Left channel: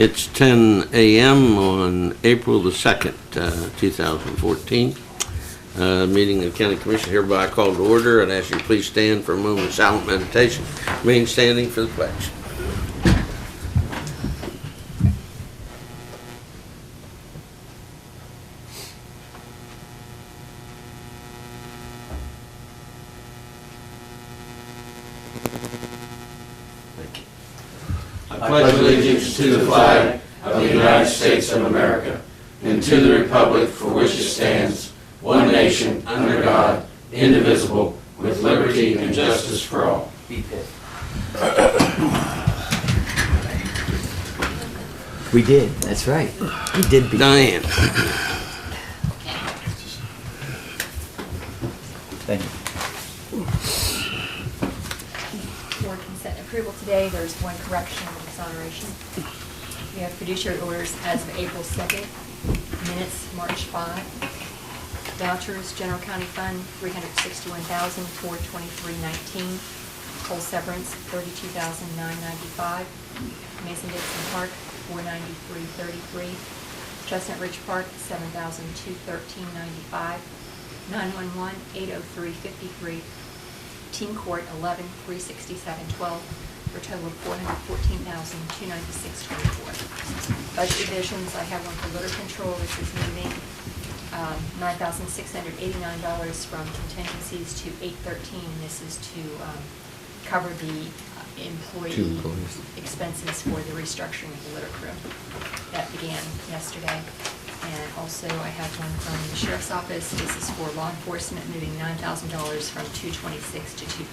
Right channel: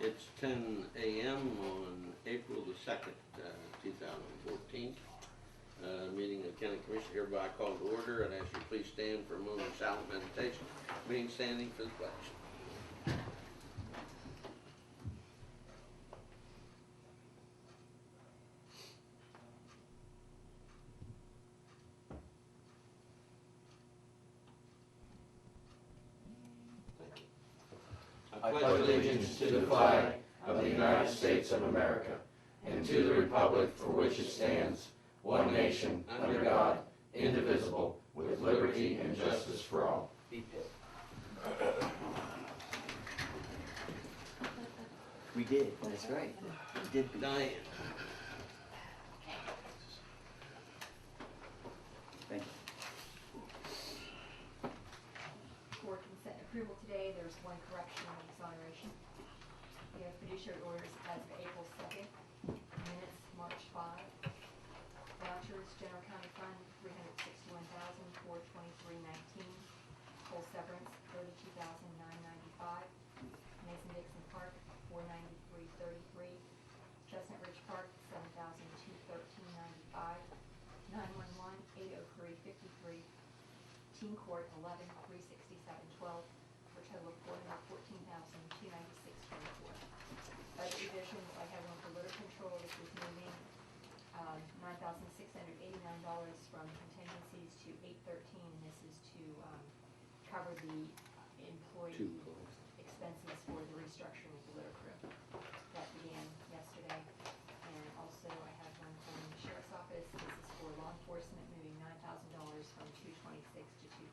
It's 10 a.m. on April the 2nd, 2014. Meeting of the County Commission hereby called to order. I'd ask you to please stand for a moment of silent meditation. Remain standing for the pledge. I pledge allegiance to the flag of the United States of America and to the republic for which it stands, one nation, under God, indivisible, with liberty and justice for all. We did, that's right. We did beat. Diane. Thank you. For consent and approval today, there's one correction and exoneration. We have fiduciary orders as of April 2nd, minutes March 5, vouchers, General County Fund, $361,423.19, coal severance, $32,995, Mason-Dixon Park, $493.33, Chestnut Ridge Park, $7,213.95, 911, $803.53, Teen Court, $11,367.12, for a total of $414,296.24. Budget revisions, I have one for litter control, which is moving $9,689 from contingencies to $813. This is to cover the employee expenses for the restructuring of the litter crew. That began yesterday. And also I have one from the Sheriff's Office. This is for law enforcement, moving $9,000 from $226 to $230.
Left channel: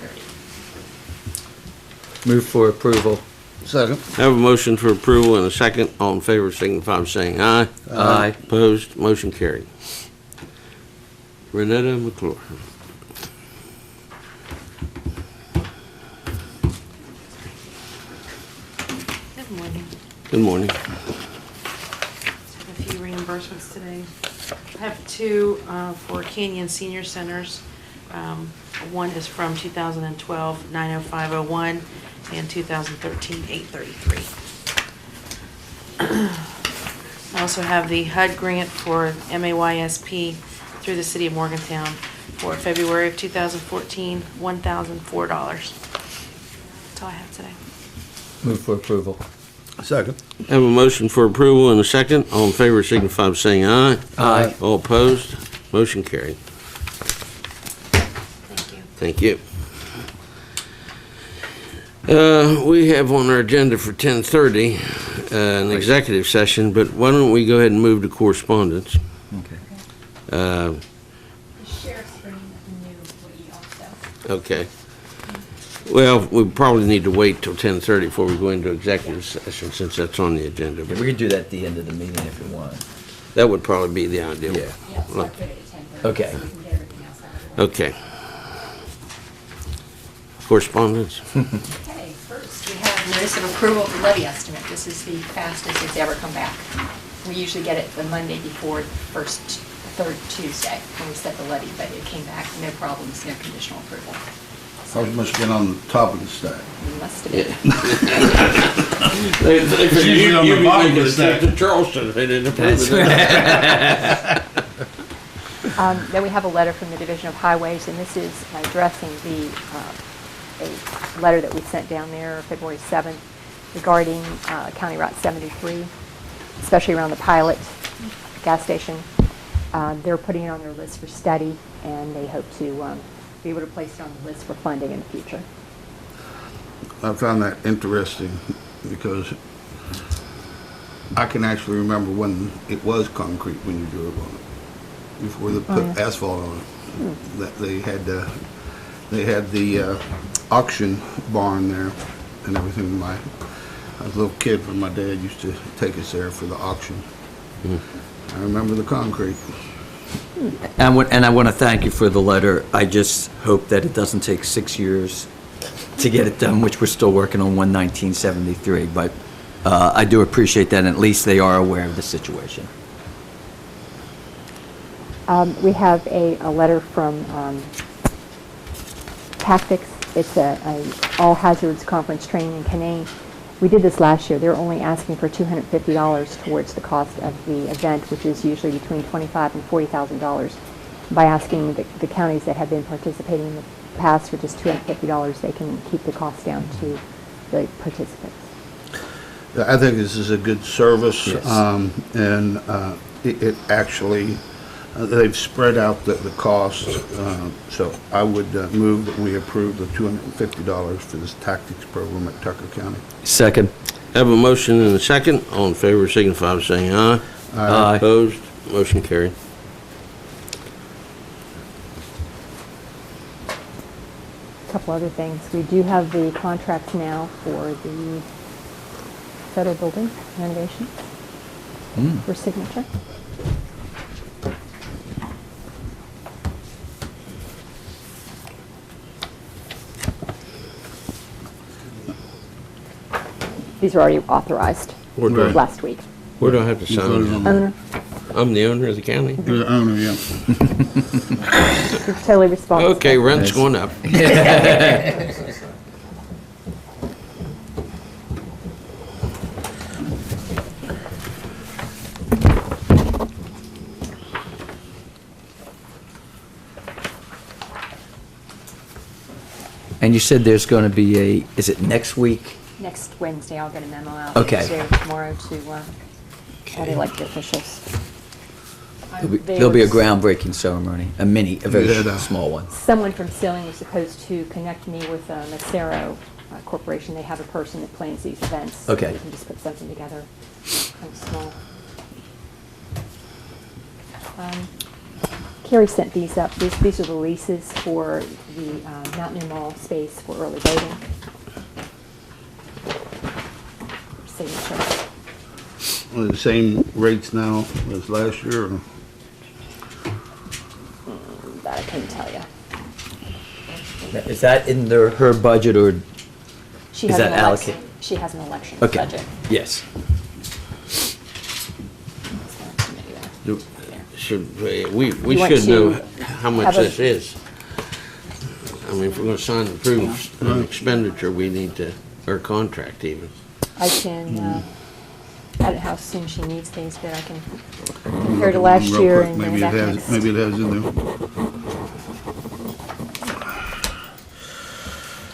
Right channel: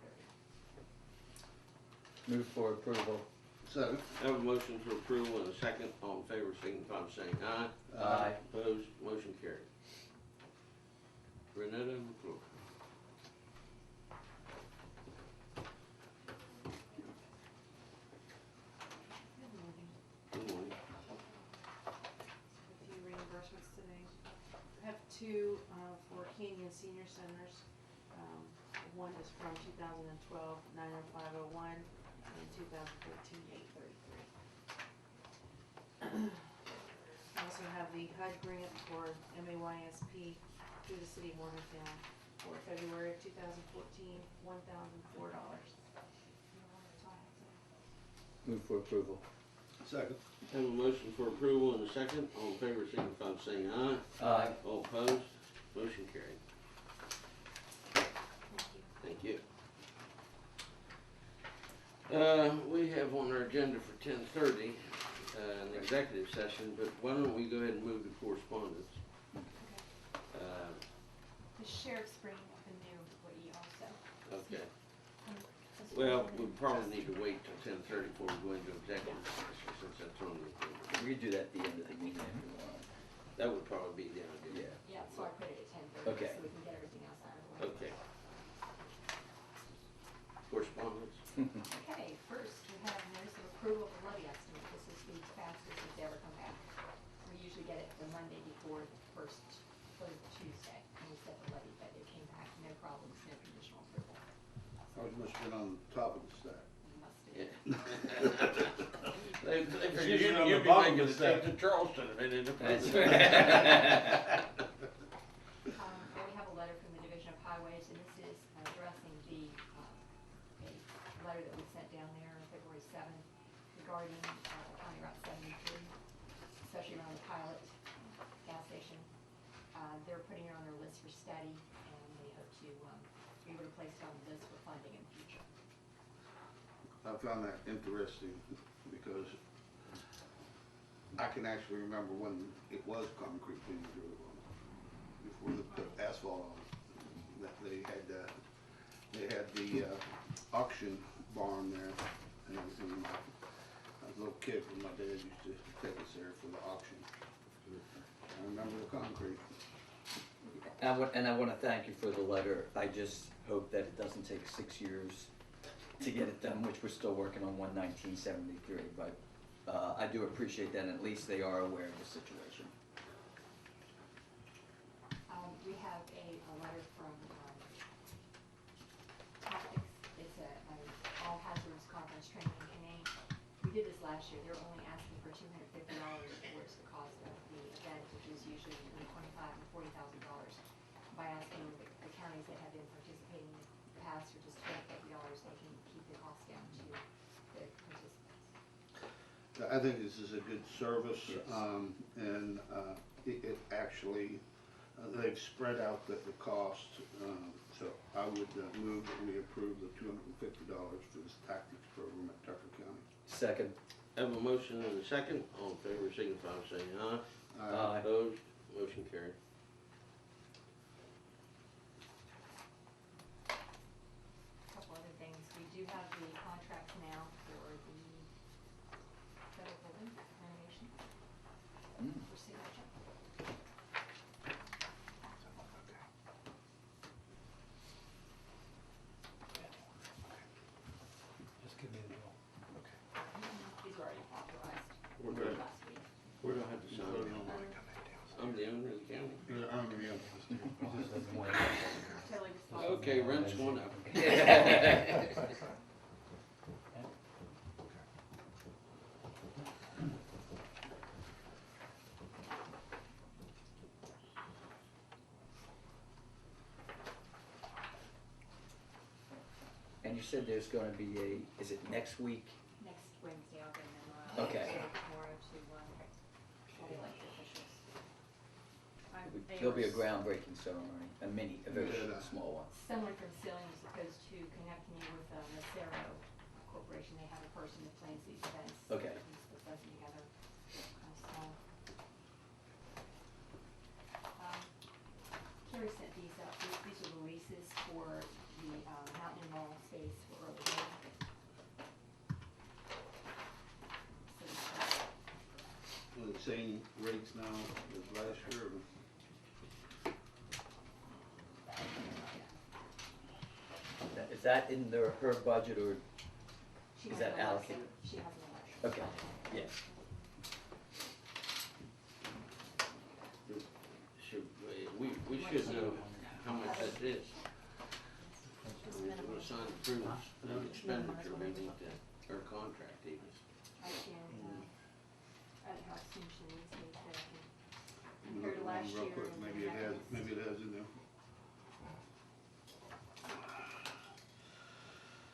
Move for approval. Second. I have a motion for approval and a second. All in favor signify by saying aye. Aye. Opposed? Motion carried. Renetta McClure. Good morning. Good morning. A few reimbursements today. I have two for Canyon Senior Centers. One is from 2012, 90501, and 2013, 833. I also have the HUD grant for MAYSP through the City of Morgantown for February of 2014, $1,004. That's all I have today. Move for approval. Second. I have a motion for approval and a second. All in favor signify by saying aye. Aye. All opposed? Motion carried. Thank you. Thank you. We have on our agenda for 10:30 an executive session, but why don't we go ahead and move to correspondence? Okay. The sheriff's bringing a new employee also. Okay. Well, we probably need to wait till 10:30 before we go into executive session, since that's on the agenda. We But can do that at the end of the meeting if you want. that would probably be the ideal. Yeah. Yeah, so I put it at 10:30. Okay. So we can get everything else out of the way. Okay. Correspondence? Okay, first, we have notice of approval of the levy estimate. This is the fastest it's ever come back. We usually get it the Monday before third Tuesday when we set the levy, but it came back, no problems, no conditional approval. I must have been on the top of the stack. We must have been. They usually on the bottom of the to stack. Charleston. They didn't approve it. Then we have a letter from the Division of Highways, and this is addressing a letter that we sent down there February 7th regarding County Route 73, especially around the Pilot gas station. They're putting it on their list for study, and they hope to be able to place it on the list for funding in the future. I found that interesting because I can actually remember when it was concrete when you drove on it, before they put asphalt on it. That they had the auction barn there and everything. I was a little kid when my dad used to take us there for the auction. I remember the concrete. And I want to thank you for the letter. I just hope that it doesn't take 6 years to get it done, which we're still working on 1/1973. But I do appreciate that, and at least they are aware of the situation. We have a letter from Tactics. It's a all hazards conference training in Canaan. We did this last year. They're only asking for $250 towards the cost of the event, which is usually between $25,000 and $40,000. By asking the counties that have been participating in the past for just $250, they can keep the cost down to the participants. I think this is a good service, Yes. and it actually, they've spread out the cost, so I would move that we approve the $250 for this tactics program at Tucker County. Second. Have a motion and a second. All in favor signify by saying aye. Aye. Opposed? Motion carried. A couple other things. We do have the contracts now for the federal building renovation for signature. These are already authorized Where do I- last week. Where do I have to sign? Owner, I'm the owner of the county? You're the owner, yeah. you're totally responsible. Okay, rent's going up. And you said there's going to be is it next week? Next Wednesday, I'll get a memo out. Okay. Today or tomorrow to all the elected officials. There'll be a groundbreaking ceremony, a very Yeah. small one. Someone from Sealing was supposed to connect me with Macero Corporation. They have a person that plans these events. so Okay. We can just put something together, kind of small. Carrie sent these up. These are the leases for the Mountain Mall space for early voting. Signature. Are the same rates now as last year, or? That I couldn't tell you. Is that in her budget or? She Is has that an election. allocated? She has an election Okay. budget. Yes. We You want should to know how much have a- this is. I mean, if we're gonna sign and approve an expenditure, we need to, or contract even. I can, I don't know how soon she needs these, but I can compare to last Real year quick, and maybe then it back has. next. Maybe it has in there.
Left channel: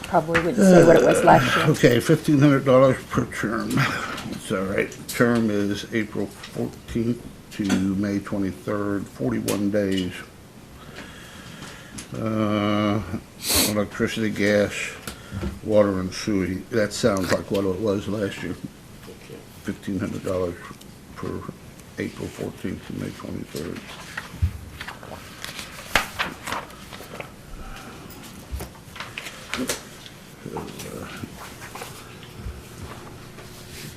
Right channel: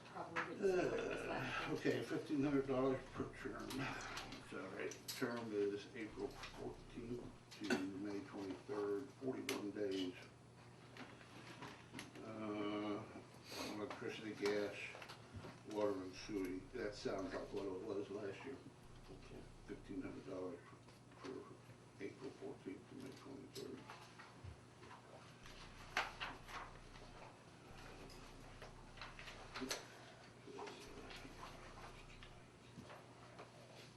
Probably wouldn't say what it was last year. Okay, $1,500 per term. That's all right. Term is April 14th to May 23rd, 41 days. Electricity, gas, water, and sewer. That sounds like what it was last year. $1,500 per April 14th to May 23rd.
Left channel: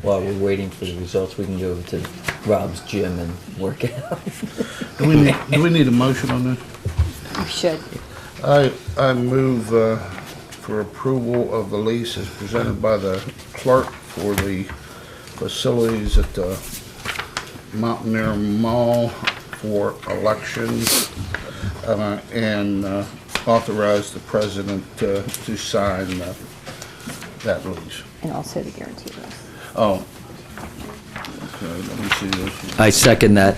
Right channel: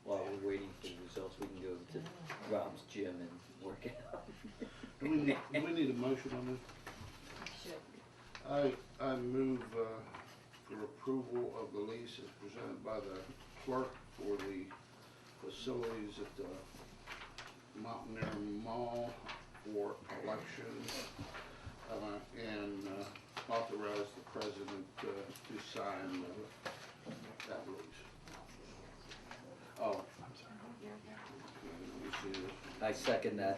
While we're waiting for the results, we can go to Rob's gym and work out. Do we need a motion on this? You should. I move for approval of the lease as presented by the clerk for the facilities at the Mountaineer Mall for elections, and authorize the president to sign that lease. And also the guarantee list. Oh. Okay, let me see this. I second that.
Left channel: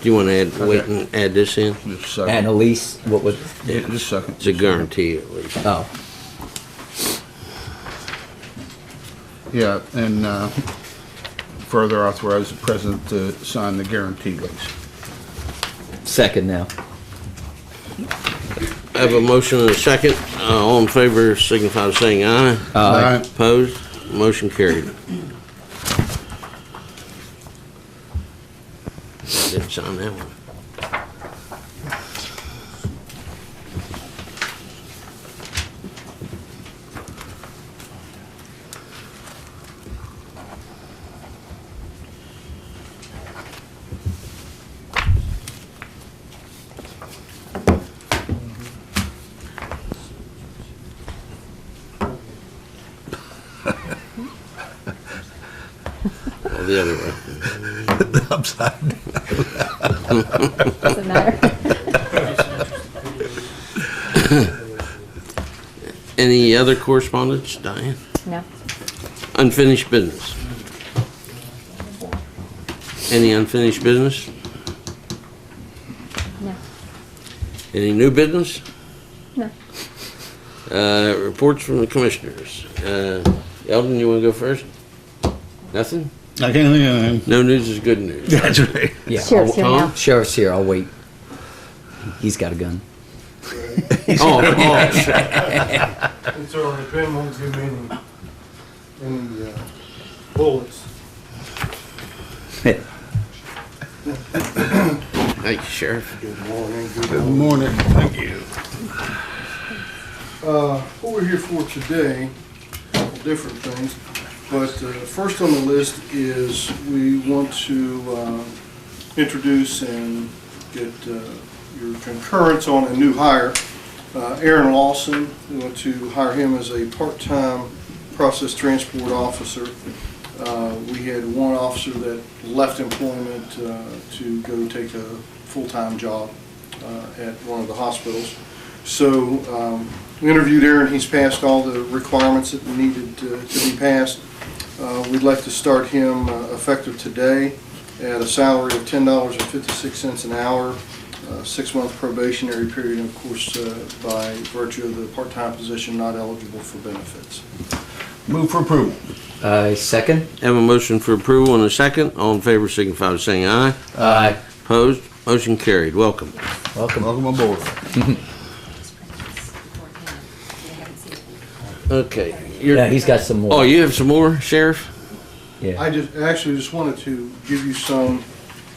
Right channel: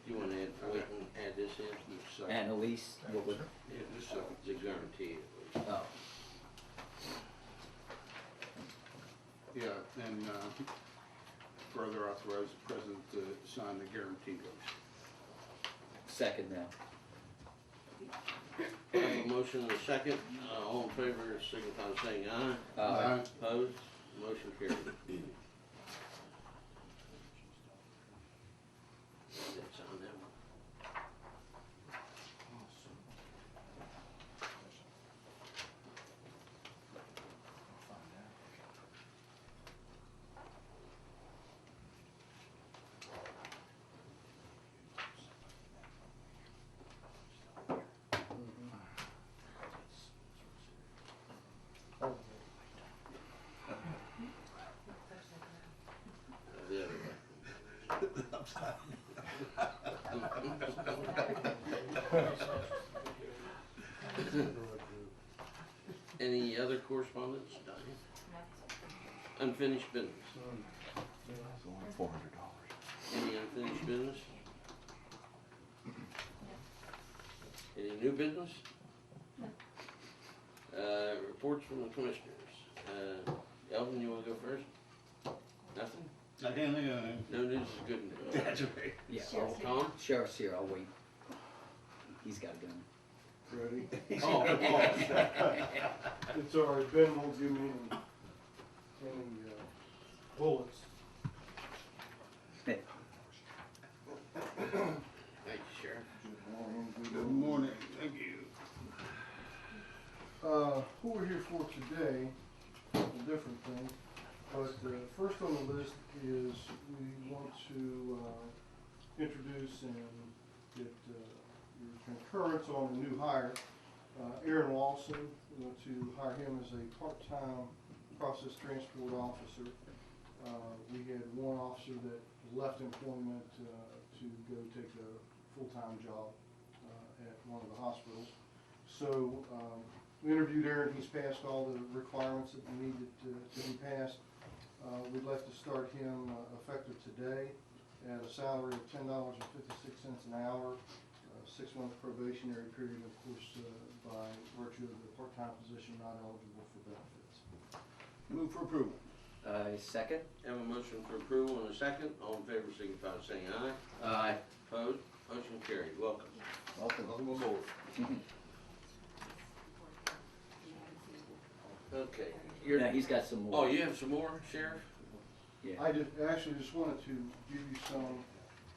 Do you wanna wait and add this in? Just a second. And Elise, what was? Yeah, just a second. It's a guarantee at least. Oh, Yeah, and further authorize the president to sign the guarantee lease. second now. I have a motion and a second. All in favor signify by saying aye. Aye. Opposed? Motion carried. Didn't sign that one. Oh, the other way. Upside down. Doesn't matter. Any other correspondence, Diane? No? Unfinished business. Any unfinished business? No. Any new business? No. Reports from the commissioners. Eldon, you want to go first? Nothing? I can't think of anything. No news is good news. That's right. Yeah, Sheriff's here Tom? now. Sheriff's here, I'll wait. He's got a gun. Oh, It's all right, Ben won't give me any bullets. thank you, Sheriff. Good morning. Good morning. Thank you. What we're here for today, different things, but first on the list is we want to introduce and get your concurrence on a new hire. Aaron Lawson, we want to hire him as a part-time process transport officer. We had one officer that left employment to go take a full-time job at one of the hospitals. So we interviewed Aaron. He's passed all the requirements that needed to be passed. We'd like to start him effective today at a salary of $10.56 an hour, 6-month probationary period, and of course, by virtue of the part-time position, not eligible for benefits. Move for approval. Second? Have a motion for approval and a second. All in favor signify by saying aye. Aye. Opposed? Motion carried. Welcome. Welcome. Welcome aboard. Okay. Yeah, he's got some more. Oh, you have some more, Sheriff? Yeah. I just wanted to give you some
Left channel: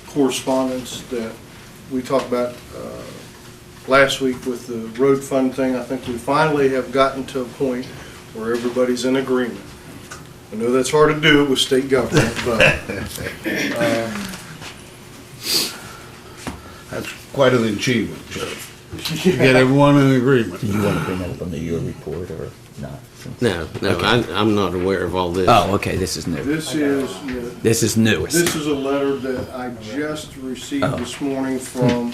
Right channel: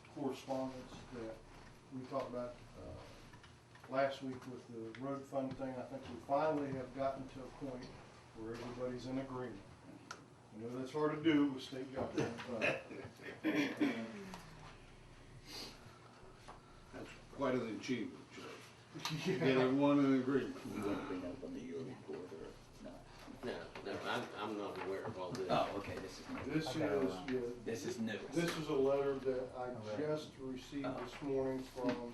correspondence that we talked about last week with the road fund thing. I think we finally have gotten to a point where everybody's in agreement. I know that's hard to do with state government, but That's quite an achievement, Sheriff. To get everyone in agreement. Do you want to bring that up under your report or not? No, I'm not aware of all this. Oh, okay, this is new. this is, This is newest. this is a letter that I just received Oh. this morning from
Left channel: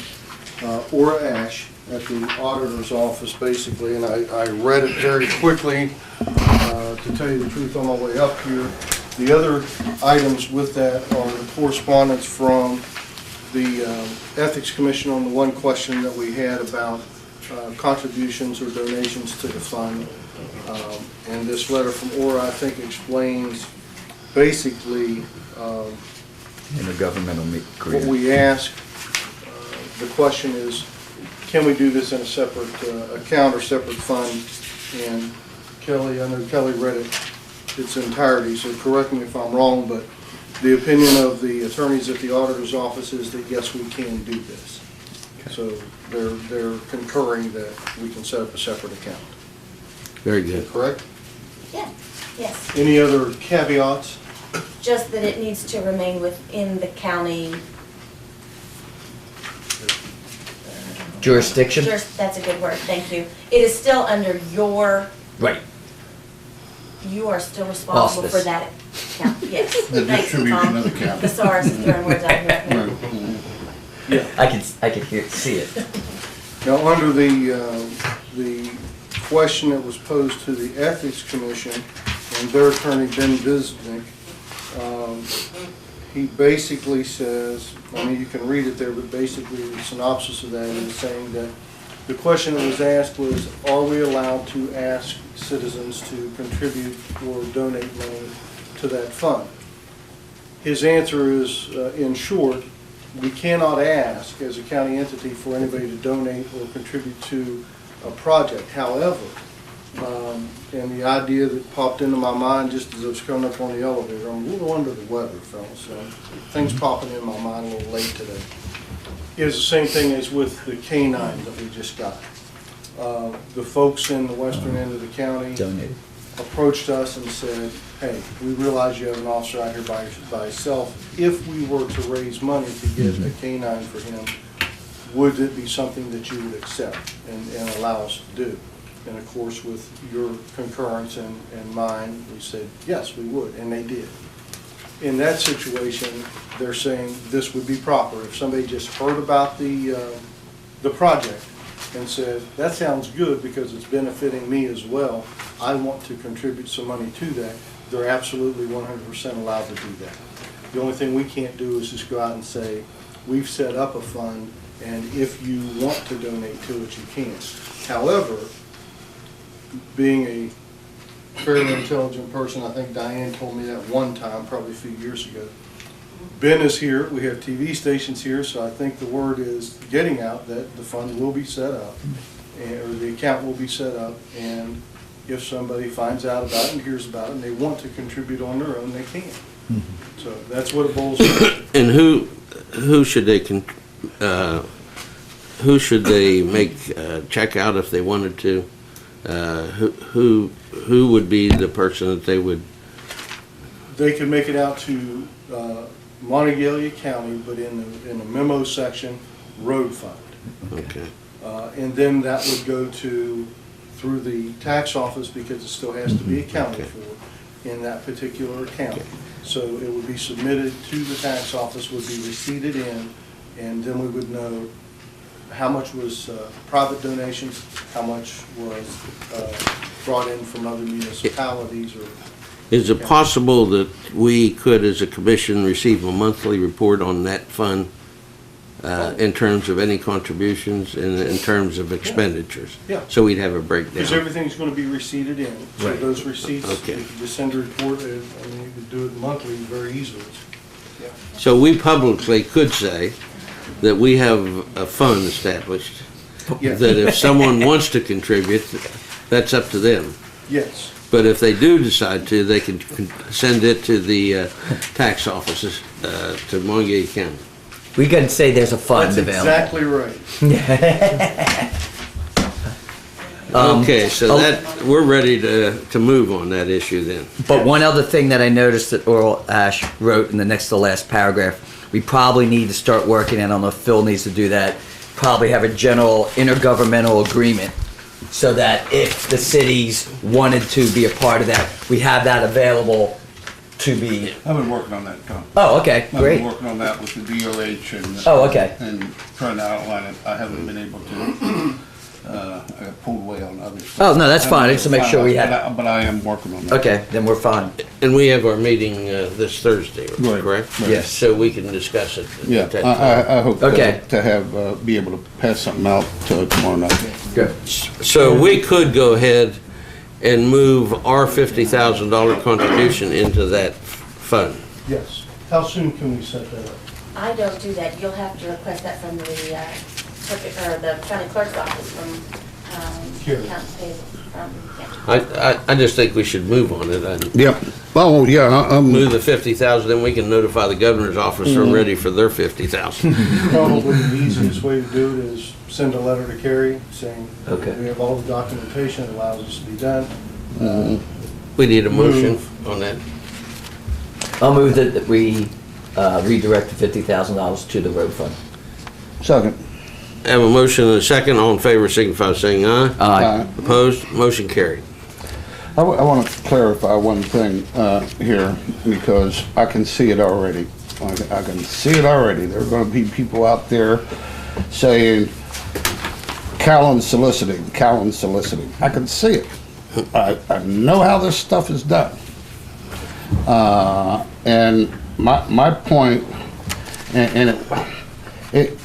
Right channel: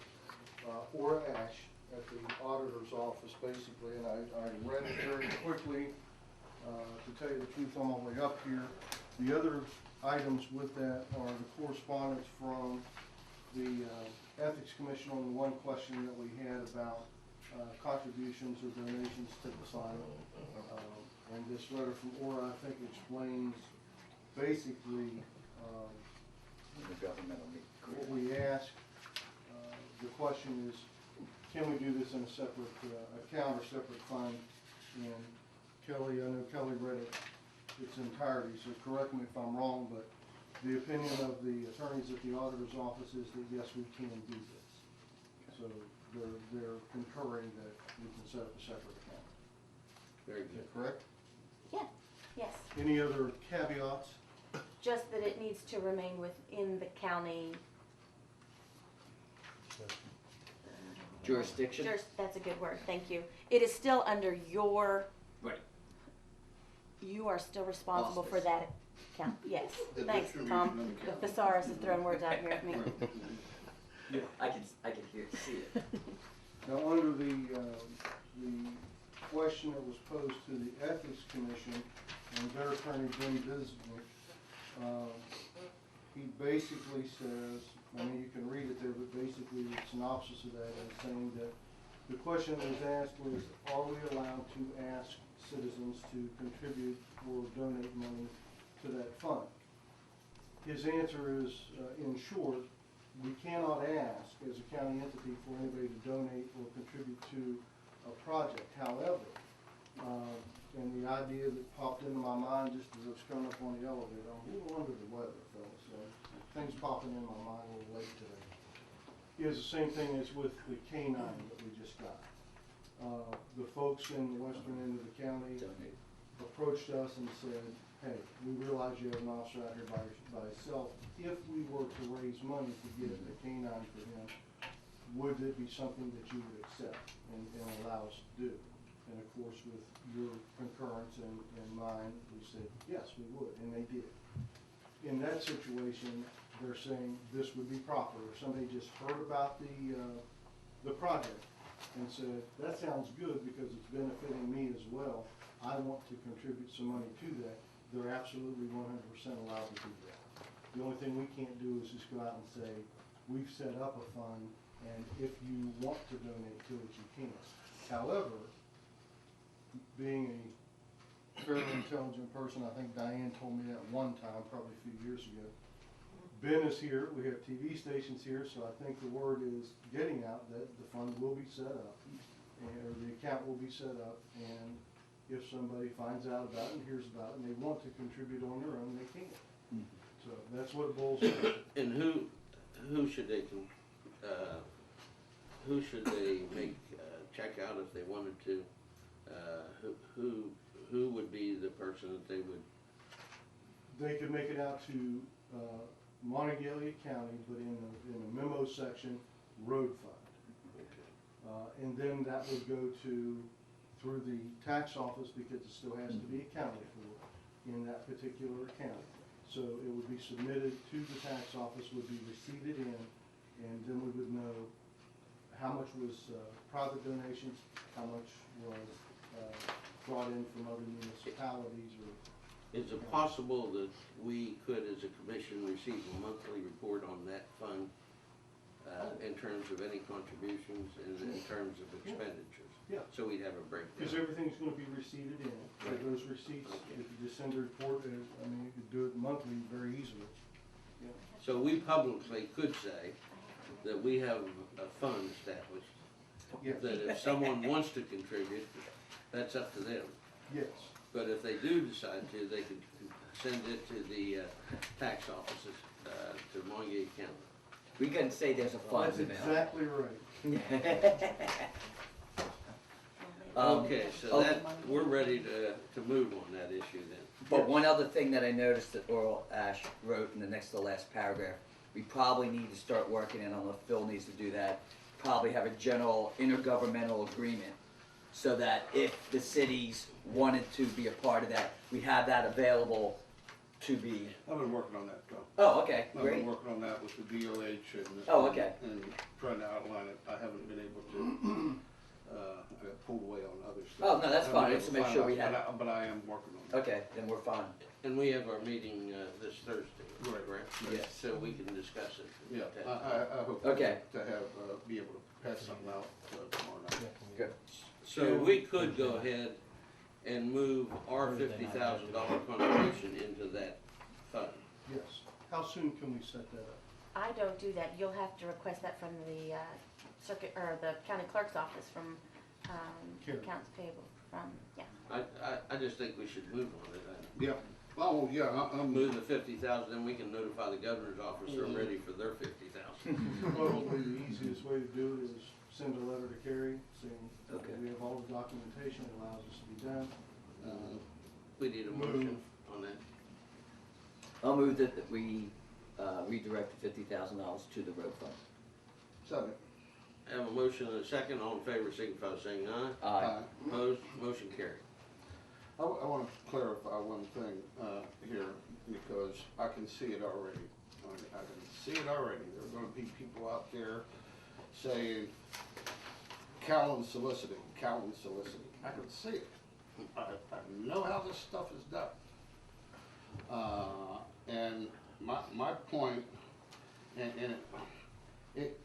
Ora Ash at the auditor's office, basically, and I read it very quickly. To tell you the truth, on my way up here, the other items with that are the correspondence from the Ethics Commission on the one question that we had about contributions or donations to the fund. And this letter from Ora, I think, explains basically Intergovernmental what agreement. we ask. The question is, can we do this in a separate account or separate fund? And Kelly, I know Kelly read it its entirety, so correct me if I'm wrong, but the opinion of the attorneys at the auditor's office is that yes, we can do this. So they're concurring that we can set up a separate account. Very good. Correct? Yeah, yes, Any other caveats? just that it needs to remain within the county. Jurisdiction? That's a good word, thank you. It is still under your, Right. you are still responsible for Auspice. that account, yes. The Thanks, distribution Tom. of the capital. Thesaurus is throwing words out here. Yeah. I could see it. Now, under the question that was posed to the Ethics Commission and their attorney, Ben Visnick, he basically says, I mean, you can read it there, but basically the synopsis of that is saying that the question that was asked was, are we allowed to ask citizens to contribute or donate money to that fund? His answer is, in short, we cannot ask as a county entity for anybody to donate or contribute to a project. However, and the idea that popped into my mind just as I was coming up on the elevator, I'm a little under the weather, fellas, so things popping in my mind a little late today, is the same thing as with the K-9 that we just got. The folks in the western end of the county Donated. approached us and said, hey, we realize you have an officer out here by himself. If we were to raise money to get a K-9 for him, would it be something that you would accept and allow us to do? And of course, with your concurrence and mine, we said, yes, we would, and they did. In that situation, they're saying this would be proper. If somebody just heard about the project and said, that sounds good because it's benefiting me as well, I want to contribute some money to that, they're absolutely 100% allowed to do that. The only thing we can't do is just go out and say, we've set up a fund, and if you want to donate to it, you can. However, being a fairly intelligent person, I think Diane told me that one time, probably a few years ago. Ben is here, we have TV stations here, so I think the word is getting out that the fund will be set up, or the account will be set up, and if somebody finds out about it and hears about it and they want to contribute on their own, they can. So that's what it boils down to. And who should they make check out if they wanted to? Who would be the person that they would? They can make it out to Monongalia County, but in the memo section, road fund. Okay. And then that would go through the tax office, because it still has to be accounted for in that particular account. So it would be submitted to the tax office, would be receipted in, and then we would know how much was private donations, how much was brought in from other municipalities or. Is it possible that we could, as a commission, receive a monthly report on that fund in terms of any contributions and in terms of expenditures? Yeah. So we'd have a Because breakdown. everything's going to be receipted in. So Right. those receipts, Okay. you could just send a report, I mean, you could do it monthly very easily. Yeah. So we publicly could say that we have a fund established, Yeah. that if someone wants to contribute, that's up to them. Yes. But if they do decide to, they can send it to the tax offices, to Monongalia County. We can say there's a fund That's available. exactly right. Okay, so that, we're ready to move on that issue then. But one other thing that I noticed that Earl Ash wrote in the next to last paragraph, we probably need to start working, and I don't know if Phil needs to do that, probably have a general intergovernmental agreement so that if the cities wanted to be a part of that, we have that available to be. I've been working on that, Tom. Oh, okay, I've great. been working on that with the DOH and. Oh, okay. And trying to outline it. I haven't been able to. I got pulled away on other stuff. Oh, no, that's fine. Just to make sure we have. But I am working on that. Okay, then we're fine. And we have our meeting this Thursday, Right, correct? right. Yes. So we can discuss it Yeah, at that time. I hope Okay. to have, be able to pass something out tomorrow night. Good. So we could go ahead and move our $50,000 contribution into that fund. Yes. How soon can we set that up? I don't do that. You'll have to request that from the county clerk's office, from Here. accounts payable, yeah. I just think we should move on it. And Yep. Oh, yeah, move the 50,000, then we can notify the governor's office they're ready for their 50,000. Probably the easiest way to do it is send a letter to Carrie saying, Okay. we have all the documentation that allows this to be done. We need a motion on that. I'll move that we redirect the $50,000 to the road fund. second. Have a motion and a second. All in favor signify by saying aye. Aye. Opposed? Motion carried. I want to clarify one thing here, because I can see it already. I can see it already. There are going to be people out there saying, Callan's soliciting, Callan's soliciting. I can see it. I know how this stuff is done. And my point, and it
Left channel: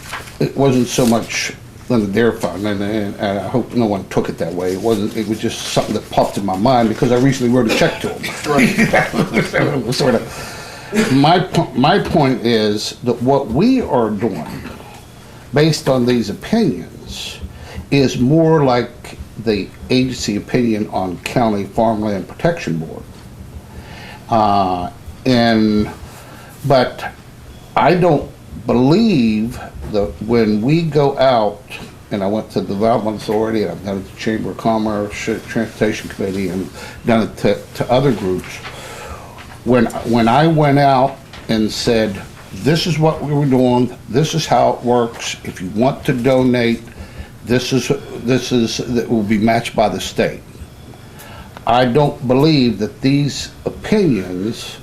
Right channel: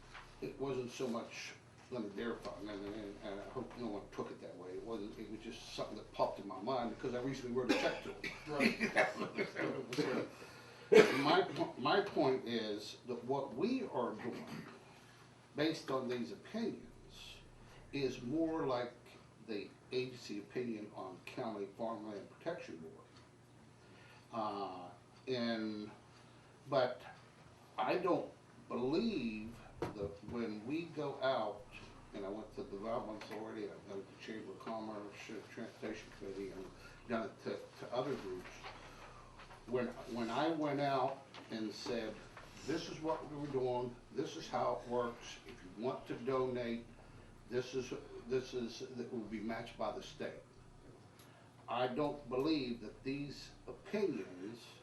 wasn't so much on the DARE fund, and I hope no one took it that way. It wasn't. It was just something that popped in my mind because I recently wrote a check to him. Sort of. My point is that what we are doing, based on these opinions, is more like the agency opinion on County Farmland Protection Board. But I don't believe that when we go out, and I went to the Development Authority, and I've done it to Chamber of Commerce, Transportation Committee, and done it to other groups, when I went out and said, this is what we were doing, this is how it works, if you want to donate, that will be matched by the state. I don't believe that these opinions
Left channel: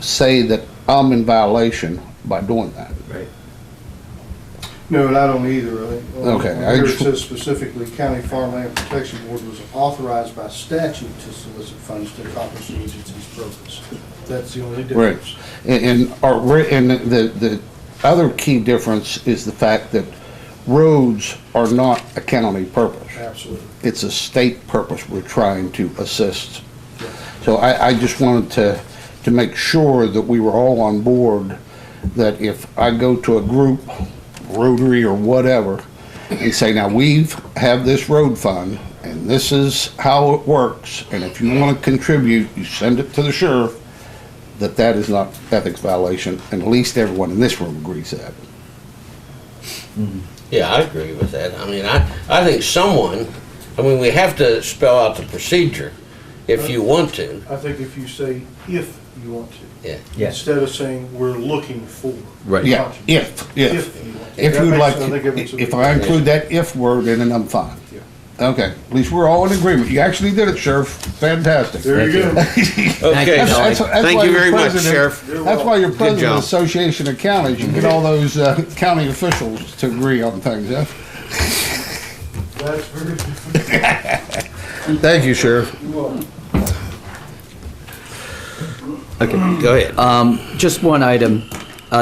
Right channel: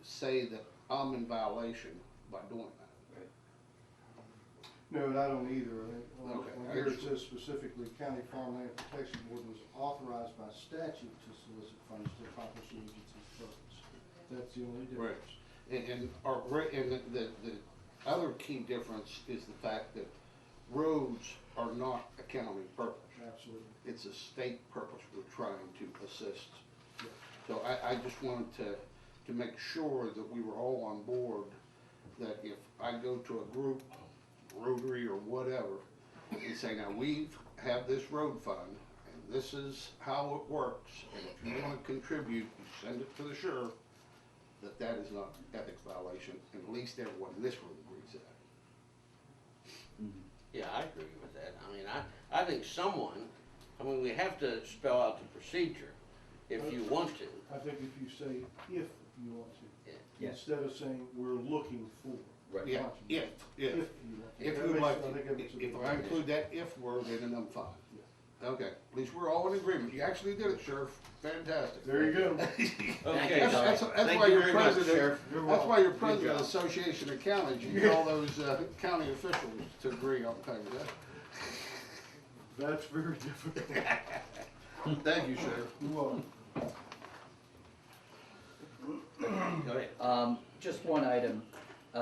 say that I'm in violation by doing that. Right. No, and I don't either. Okay, I Here it just- says specifically, County Farmland Protection Board was authorized by statute to solicit funds to accomplish the agency's purpose. That's the only Right. difference. And the other key difference is the fact that roads are not a county purpose. Absolutely. It's a state purpose we're trying to assist. So I just wanted to make sure that we were all on board, that if I go to a group, Rotary or whatever, and say, now have this road fund, and this is how it works, and if you want to contribute, you send it to the sheriff, that is not ethics violation, and at least everyone in this room agrees that. Yeah, I agree with that. I mean, I think we have to spell out the procedure if you want to. I think if you say, if you want to, Yeah. Yes. instead of saying, we're looking for. Right. Yeah, if you want to. If That you'd makes- like, I think it makes a if big I difference. include that if word in, then I'm fine. Yeah. Okay, at least we're all in agreement. You actually did it, Sheriff. Fantastic. There you go. Okay, That's thank why you you're very much, president- Sheriff. That's why you're president of job. the Association of Counties. You get all those county officials to agree on things, yeah? That's very different. Thank you, Sheriff. Okay. Go ahead. Just one item.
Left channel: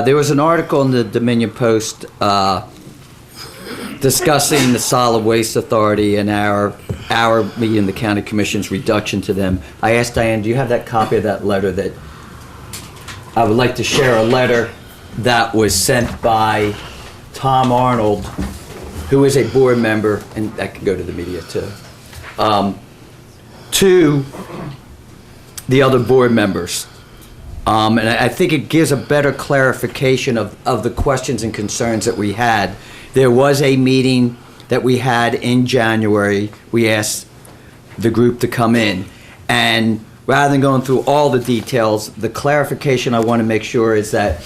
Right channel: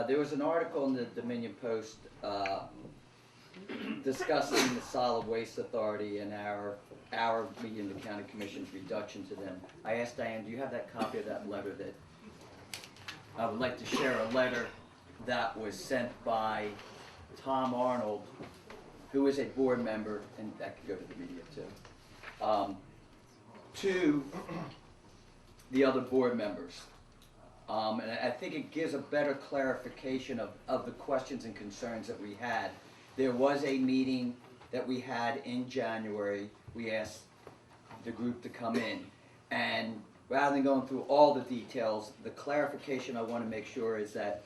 There was an article in the Dominion Post discussing the Solid Waste Authority and our meeting the county commission's reduction to them. I asked Diane, do you have that copy of that letter? That I would like to share a letter that was sent by Tom Arnold, who is a board member, and that can go to the media too, to the other board members. And I think it gives a better clarification of the questions and concerns that we had. There was a meeting that we had in January. We asked the group to come in. And rather than going through all the details, the clarification I want to make sure is that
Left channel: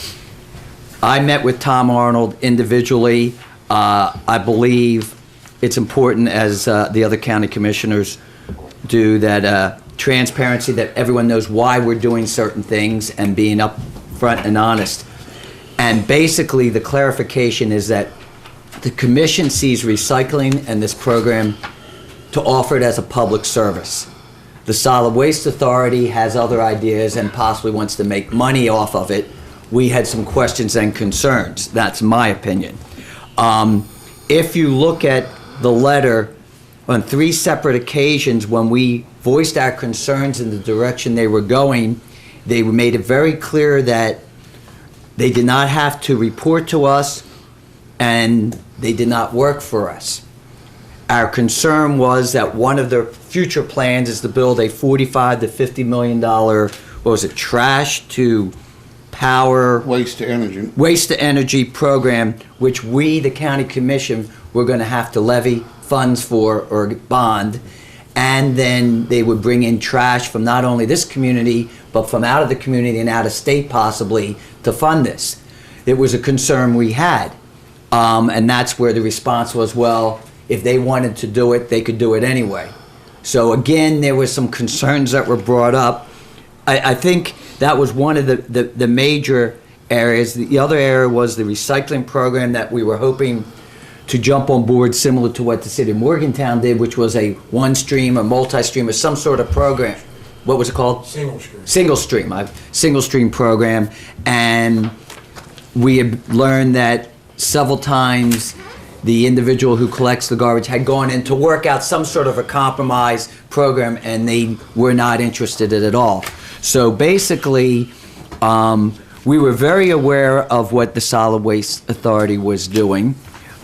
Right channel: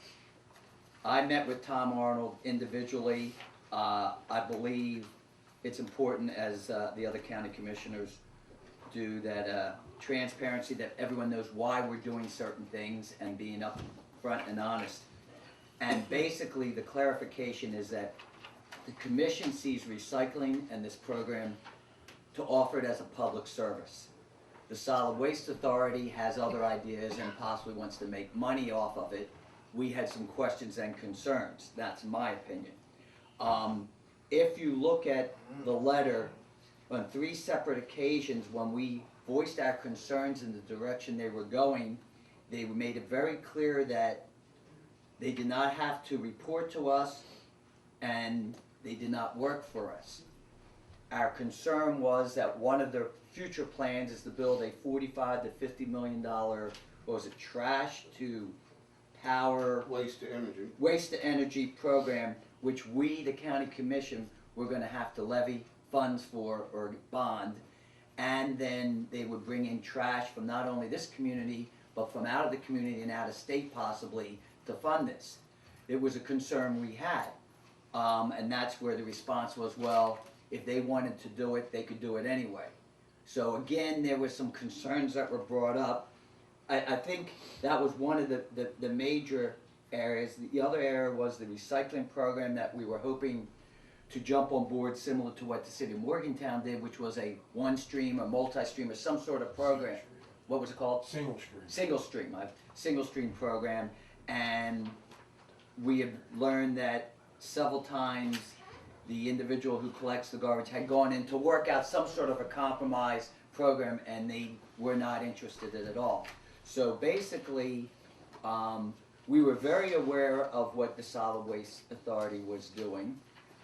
I met with Tom Arnold individually. I believe it's important, as the other county commissioners do, that transparency, that everyone knows why we're doing certain things and being upfront and honest. And basically, the clarification is that the commission sees recycling and this program to offer it as a public service. The Solid Waste Authority has other ideas and possibly wants to make money off of it. We had some questions and concerns. That's my opinion. If you look at the letter, on 3 separate occasions when we voiced our concerns in the direction they were going, they made it very clear that they did not have to report to us and they did not work for us. Our concern was that one of their future plans is to build a $45 to $50 million, trash to power, Waste to energy. waste to energy program, which we, the county commission, were going to have to levy funds for or bond. And then they would bring in trash from not only this community, but from out of the community and out of state possibly to fund this. It was a concern we had. And that's where the response was, well, if they wanted to do it, they could do it anyway. So again, there were some concerns that were brought up. I think that was one of the major areas. The other area was the recycling program that we were hoping to jump on board, similar to what the city of Morgantown did, which was a one-stream or multi-stream or some sort of program. What was it called? Single stream. Single stream program. And we had learned that several times the individual who collects the garbage had gone in to work out some sort of a compromise program, and they were not interested in it at all. So basically, we were very aware of what the Solid Waste Authority was doing.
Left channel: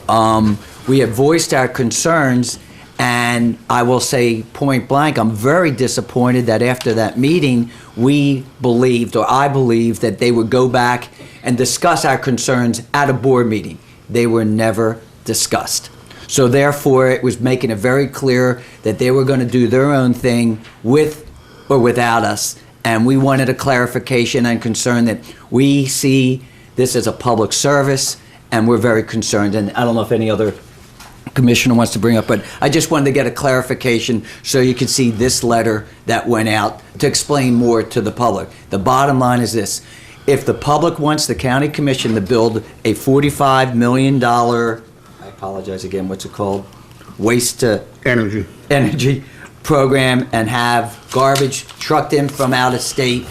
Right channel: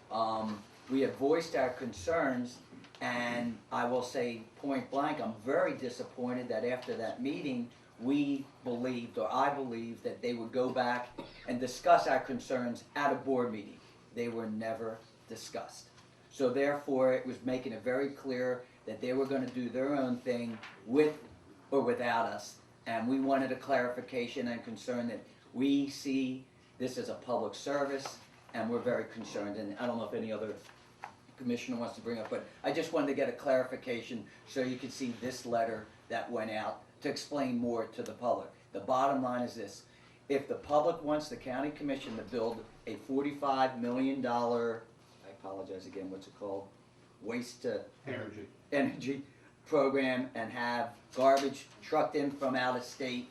We have voiced our concerns, and I will say point blank, I'm very disappointed that after that meeting, we believed, or I believed, that they would go back and discuss our concerns at a board meeting. They were never discussed. So therefore, it was making it very clear that they were going to do their own thing with or without us. And we wanted a clarification and concern that we see this as a public service, and we're very concerned. And I don't know if any other commissioner wants to bring up, but I just wanted to get a clarification so you could see this letter that went out to explain more to the public. The bottom line is this: if the public wants the county commission to build a $45 million, I apologize again, what's it called? Waste to energy program and have garbage trucked in from out of state,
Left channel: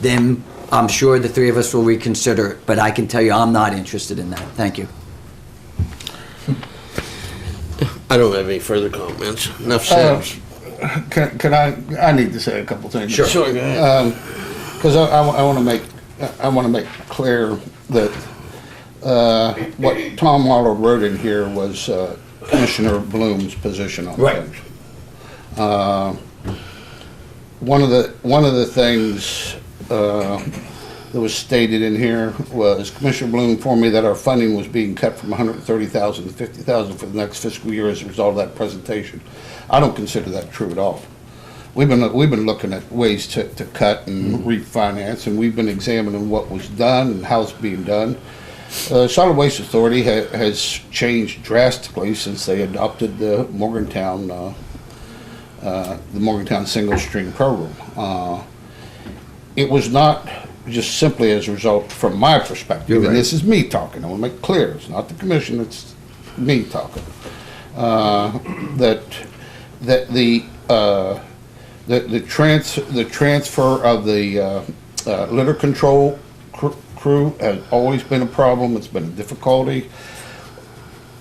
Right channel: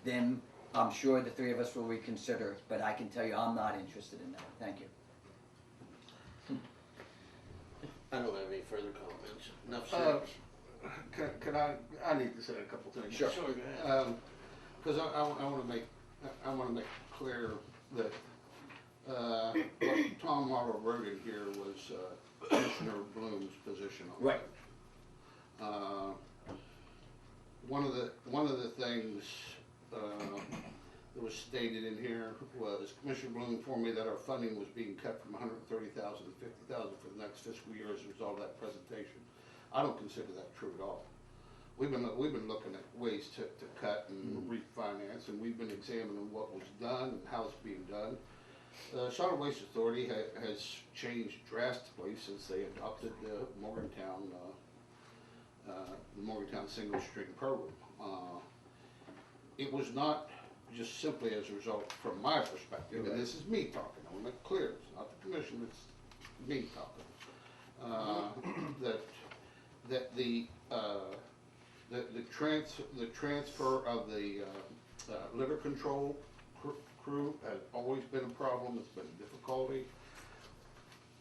then I'm sure the three of us will reconsider it. But I can tell you, I'm not interested in that. Thank you. I don't have any further comments. Enough said. Can I need to say a couple things. Sure. Sure, go ahead. Because I want to make clear that what Tom Waller wrote in here was Commissioner Bloom's position on Right. things. One of the things that was stated in here was Commissioner Bloom informed me that our funding was being cut from $130,000 to $50,000 for the next fiscal year as a result of that presentation. I don't consider that true at all. We've been looking at ways to cut and refinance, and we've been examining what was done and how it's being done. Solid Waste Authority has changed drastically since they adopted the Morgantown single stream program. It was not just simply as a result from my perspective, You're right. and this is me talking, I want to make it clear, it's not the commission, it's me talking, that the transfer of the litter control crew has always been a problem, it's been a difficulty.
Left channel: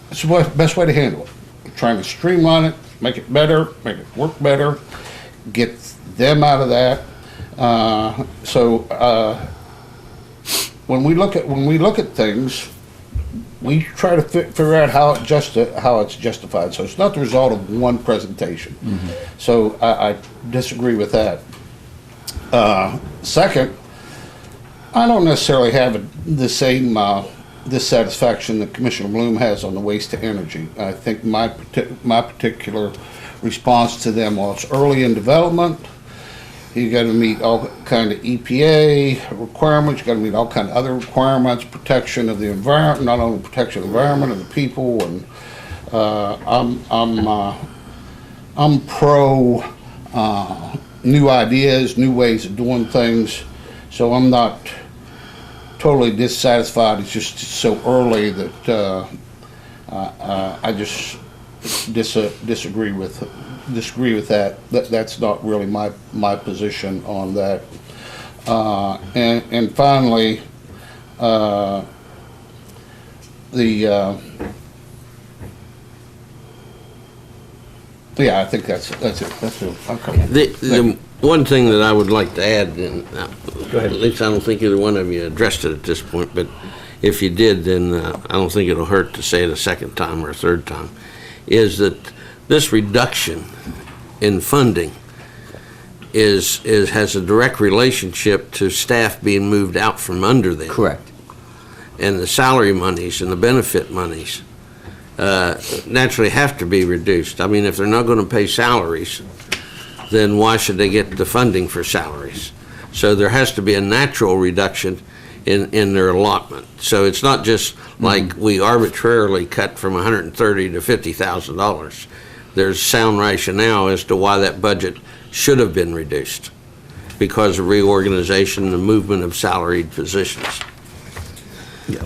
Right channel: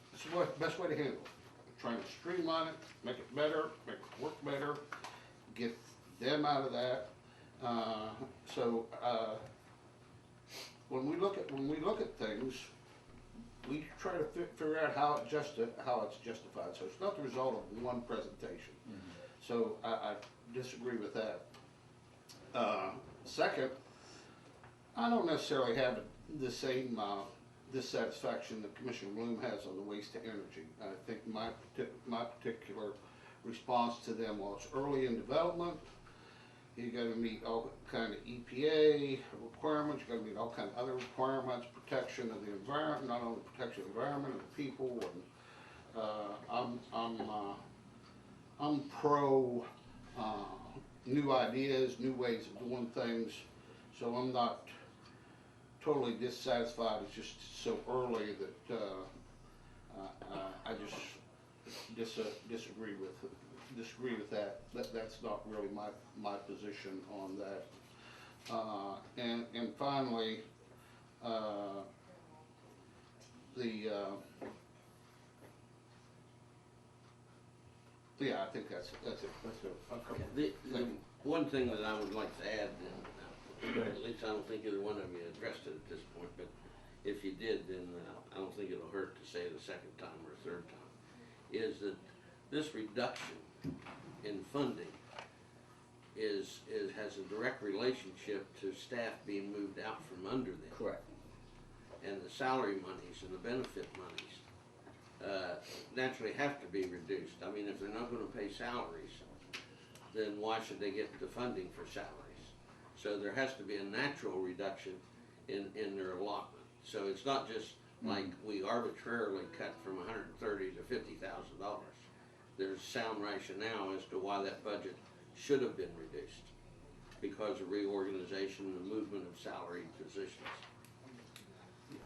It's the best way to handle it. Trying to streamline it, make it better, make it work better, get them out of that. When we look at things, we try to figure out how it's justified. So it's not the result of one presentation. Mm-hmm. So I disagree with that. Second, I don't necessarily have the same dissatisfaction that Commissioner Bloom has on the waste to energy. I think my particular response to them was early in development. You got to meet all kind of EPA requirements. You got to meet all kind of other requirements, protection of the environment, not only protection of the environment and the people. And I'm pro new ideas, new ways of doing things. So I'm not totally dissatisfied. It's just so early that I just disagree with that. That's not really my position on that. And finally, I think that's it. That's it. Okay. The one thing that I would like to add, and Go ahead. at least I don't think either one of you addressed it at this point, but if you did, then I don't think it'll hurt to say it a second time or a third time, is that this reduction in funding has a direct relationship to staff being moved out from under them. Correct. And the salary monies and the benefit monies naturally have to be reduced. I mean, if they're not going to pay salaries, then why should they get the funding for salaries? So there has to be a natural reduction in their allotment. So it's not just like we arbitrarily cut from $130,000 to $50,000. There's sound rationale as to why that budget should have been reduced because of reorganization and the movement of salaried positions. Yeah.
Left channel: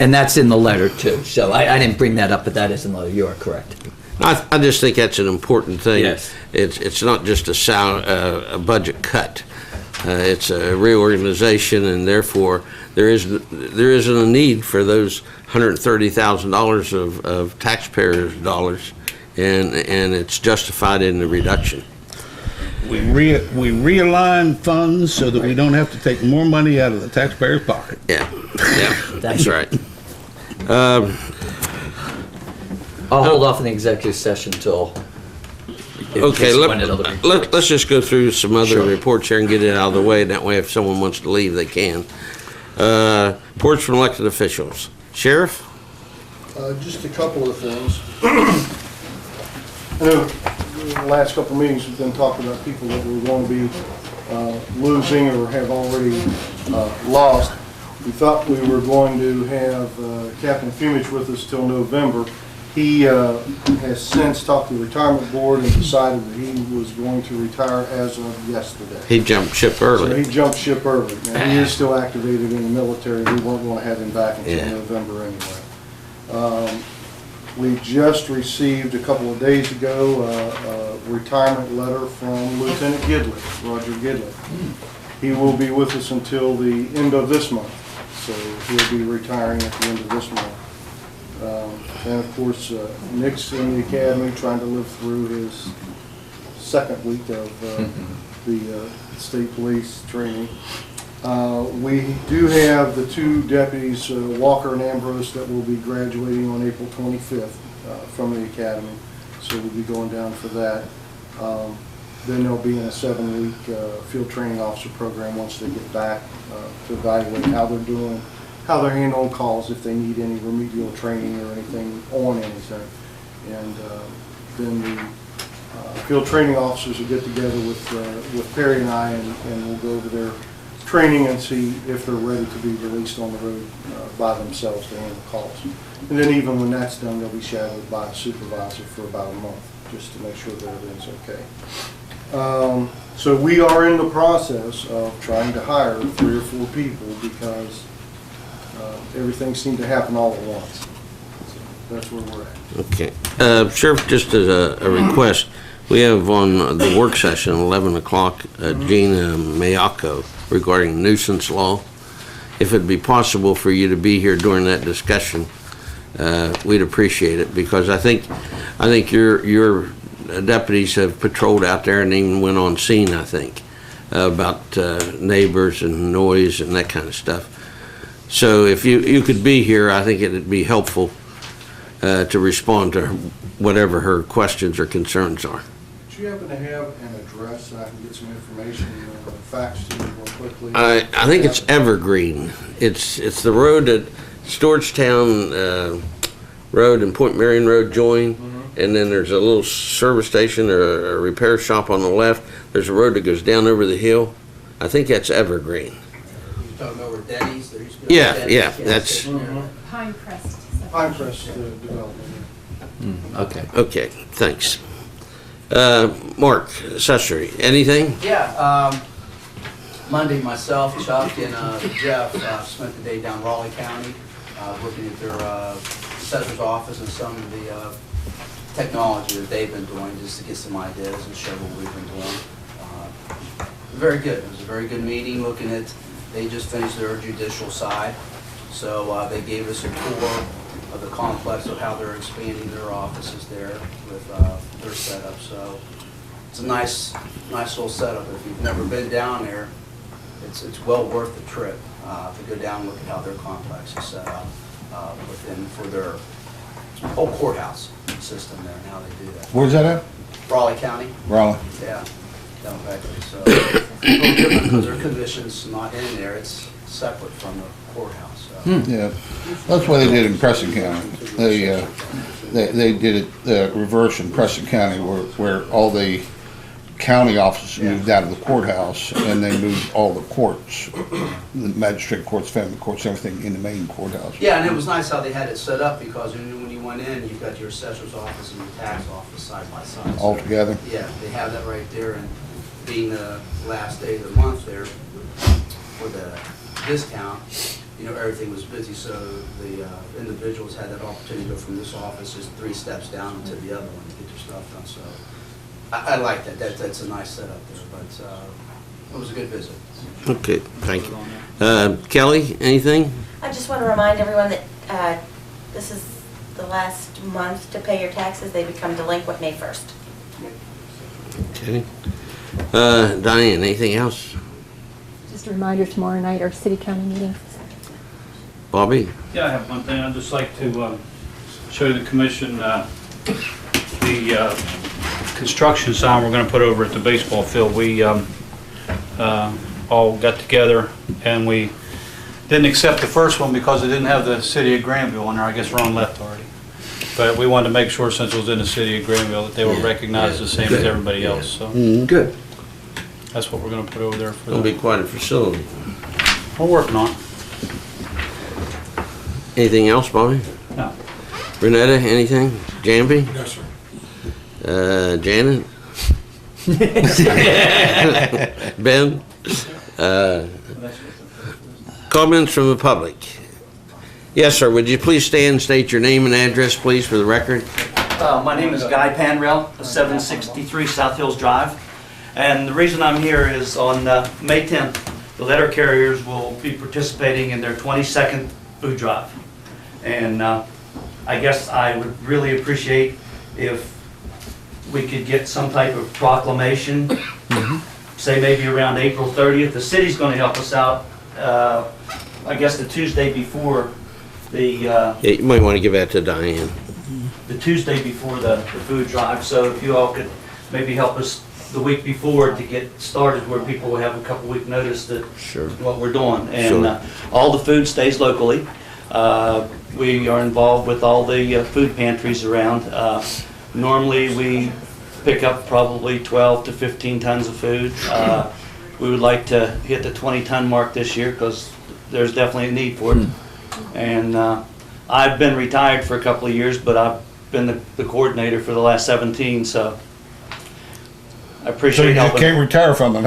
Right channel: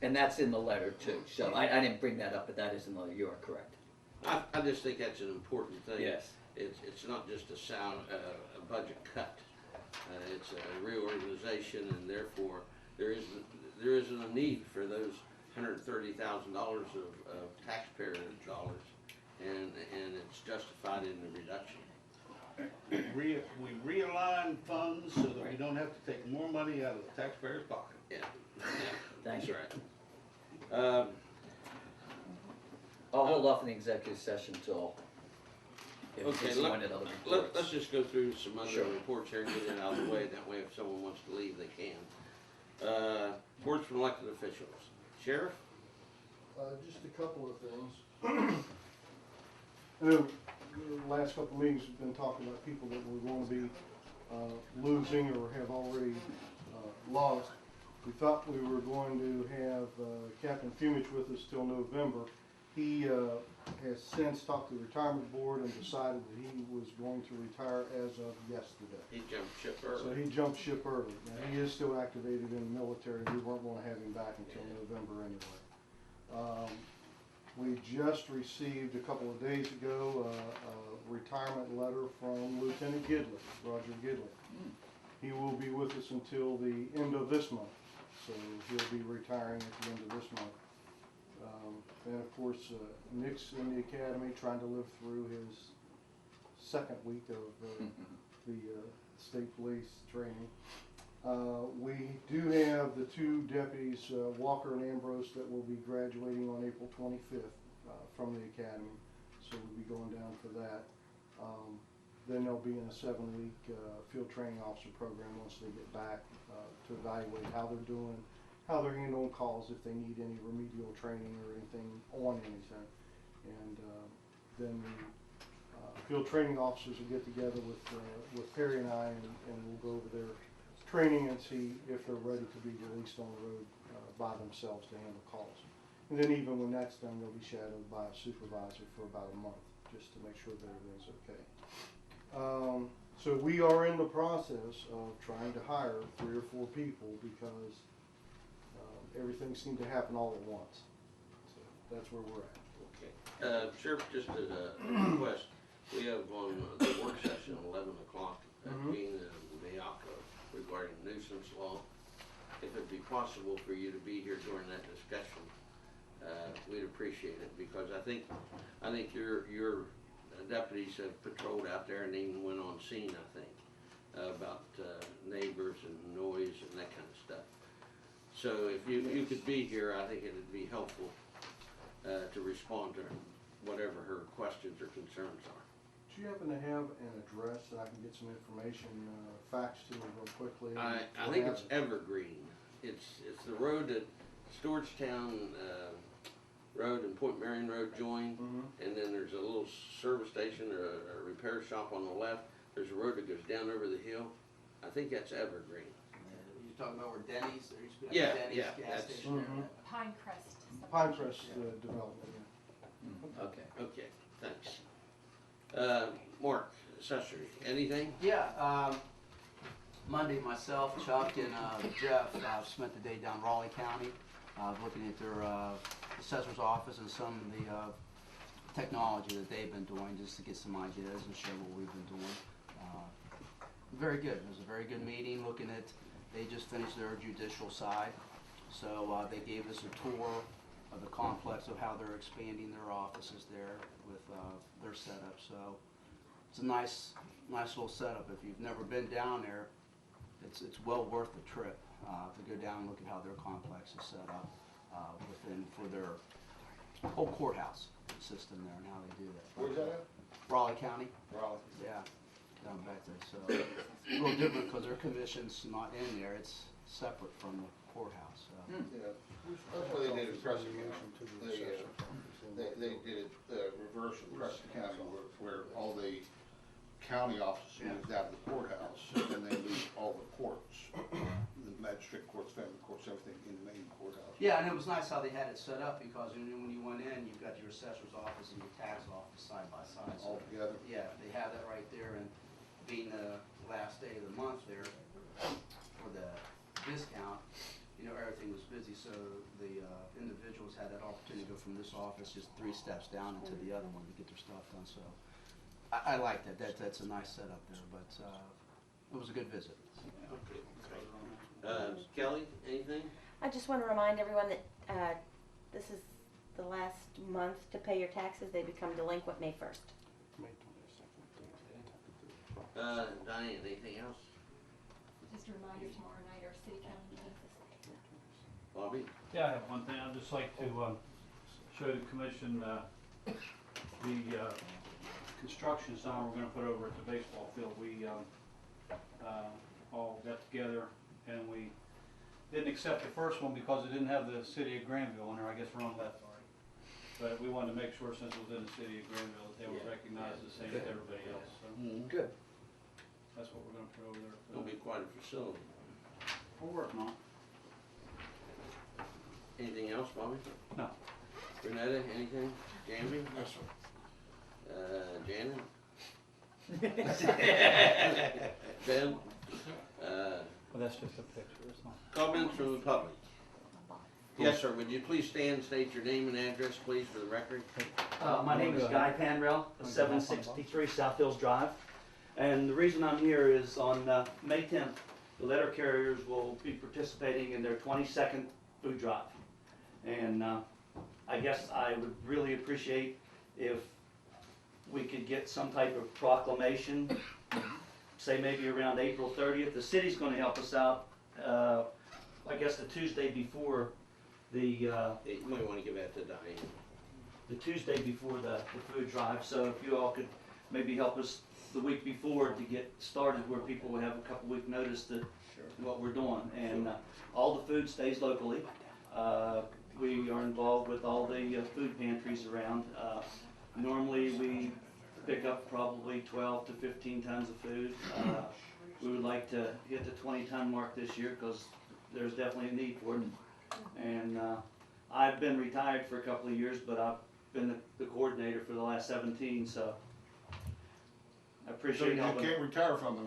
And that's in the letter too. So I didn't bring that up, but that is in the letter. You are correct. I just think that's an important thing. Yes. It's not just a budget cut. It's a reorganization, and therefore there isn't a need for those $130,000 of taxpayers' dollars, and it's justified in the reduction. We realign funds so that we don't have to take more money out of the taxpayer's pocket. Yeah, that's right. I'll hold off in the executive session till. Okay, let's just go through some other reports here and get it out of the way. That way, if someone wants to leave, they can. Reports from elected officials. Sheriff? Just a couple of things. I know in the last couple of meetings, we've been talking about people that we're going to be losing or have already lost. We thought we were going to have Captain Fumich with us till November. He has since talked to the retirement board and decided that he was going to retire as of yesterday. He jumped ship So early. he jumped ship early. Now, he is still activated in the military. We weren't going to have him back until Yeah. November anyway. We just received a couple of days ago a retirement letter from Lieutenant Gidley, Roger Gidley. He will be with us until the end of this month, so he'll be retiring at the end of this month. And of course, Nick's in the academy trying to live through his second week of the state police training. We do have the two deputies, Walker and Ambrose, that will be graduating on April 25th from the academy, so we'll be going down for that. Then they'll be in a 7-week field training officer program once they get back to evaluate how they're doing, how they're handling calls, if they need any remedial training or anything on anything. And then the field training officers will get together with Perry and I, and we'll go over their training and see if they're ready to be released on the road by themselves to handle calls. And then even when that's done, they'll be shadowed by a supervisor for about a month, just to make sure that everything's okay. So we are in the process of trying to hire 3 or 4 people because everything seemed to happen all at once. So that's where we're at. Okay. Sheriff, just as a request, we have on the work session, 11 o'clock, Gina Mayako regarding nuisance law. If it'd be possible for you to be here during that discussion, we'd appreciate it, because I think your deputies have patrolled out there and even went on scene, I think, about neighbors and noise and that kind of stuff. So if you could be here, I think it'd be helpful to respond to whatever her questions or concerns are. Do you happen to have an address so I can get some information faxed to you real quickly? I think it's Evergreen. It's the road that Stewartstown Road and Point Marion Road join, and then there's a little service station or a repair shop on the left. There's a road that goes down over the hill. I think that's Evergreen. You're talking over Denny's? There used to be a Yeah, Denny's yeah, gas that's station there. Pine Crest. Pine Crest Development. Okay. okay. Thanks. Mark, accessory, anything? Yeah, Monday, myself, Chuck, and Jeff spent the day down Raleigh County, looking at their assessor's office and some of the technology that they've been doing, just to get some ideas and show what we've been doing. Very good. It was a very good meeting, looking at, they just finished their judicial side, so they gave us a tour of the complex of how they're expanding their offices there with their setup. So it's a nice little setup. If you've never been down there, it's well worth the trip to go down and look at how their complex is set up for their whole courthouse system there and how they do that. Where's that at? Raleigh County, Raleigh. yeah, down Beckley. So it's a little different because their commission's not in there. It's separate from the courthouse. So. Yeah, that's what they did in Preston County. They did it reverse in Preston County, where all the county offices moved out of the courthouse, and they moved all the courts, the magistrate courts, family courts, everything in the main courthouse. Yeah, and it was nice how they had it set up, because when you went in, you've got your assessor's office and your tax office side by side. All together? Yeah, they have that right there, and being the last day of the month there for the discount, you know, everything was busy, so the individuals had that opportunity to go from this office just 3 steps down to the other one to get their stuff done. So I like that. That's a nice setup there, but it was a good visit. Okay, thank you. Kelly, anything? I just want to remind everyone that this is the last month to pay your taxes. They become delinquent May 1st. Okay. Diane, anything else? Just a reminder, tomorrow night, our city-county meeting. Bobby? Yeah, I have one thing. I'd just like to show the commission the construction sign we're going to put over at the baseball field. We all got together and we didn't accept the first one because it didn't have the city of Granville on there. I guess Ron left already. But we wanted to make sure, since it was in the city of Granville, that they were recognized the same as everybody else. So Good. that's what we're going to put over there for It'll be them. quite a facility. We're working on it. Anything else, Bobby? No. Renetta, anything? Jamby? No, sir. Janet? Ben? Comments from the public? Yes, sir. Would you please stand and state your name and address, please, for the record? My name is Guy Panrell, 763 South Hills Drive. And the reason I'm here is on May 10th, the letter carriers will be participating in their 22nd food drive. And I guess I would really appreciate if we could get some type of proclamation, say maybe around April 30th. The city's going to help us out, I guess the Tuesday before the Yeah, you might want to give that to Diane. Tuesday before the food drive. So if you all could maybe help us the week before to get started, where people will have a couple week notice that Sure. what we're doing. And Sure. all the food stays locally. We are involved with all the food pantries around. Normally we pick up probably 12 to 15 tons of food. We would like to hit the 20-ton mark this year because there's definitely a need for it. And I've been retired for a couple of years, but I've been the coordinator for the last 17, so I So appreciate you just helping. can't retire from it,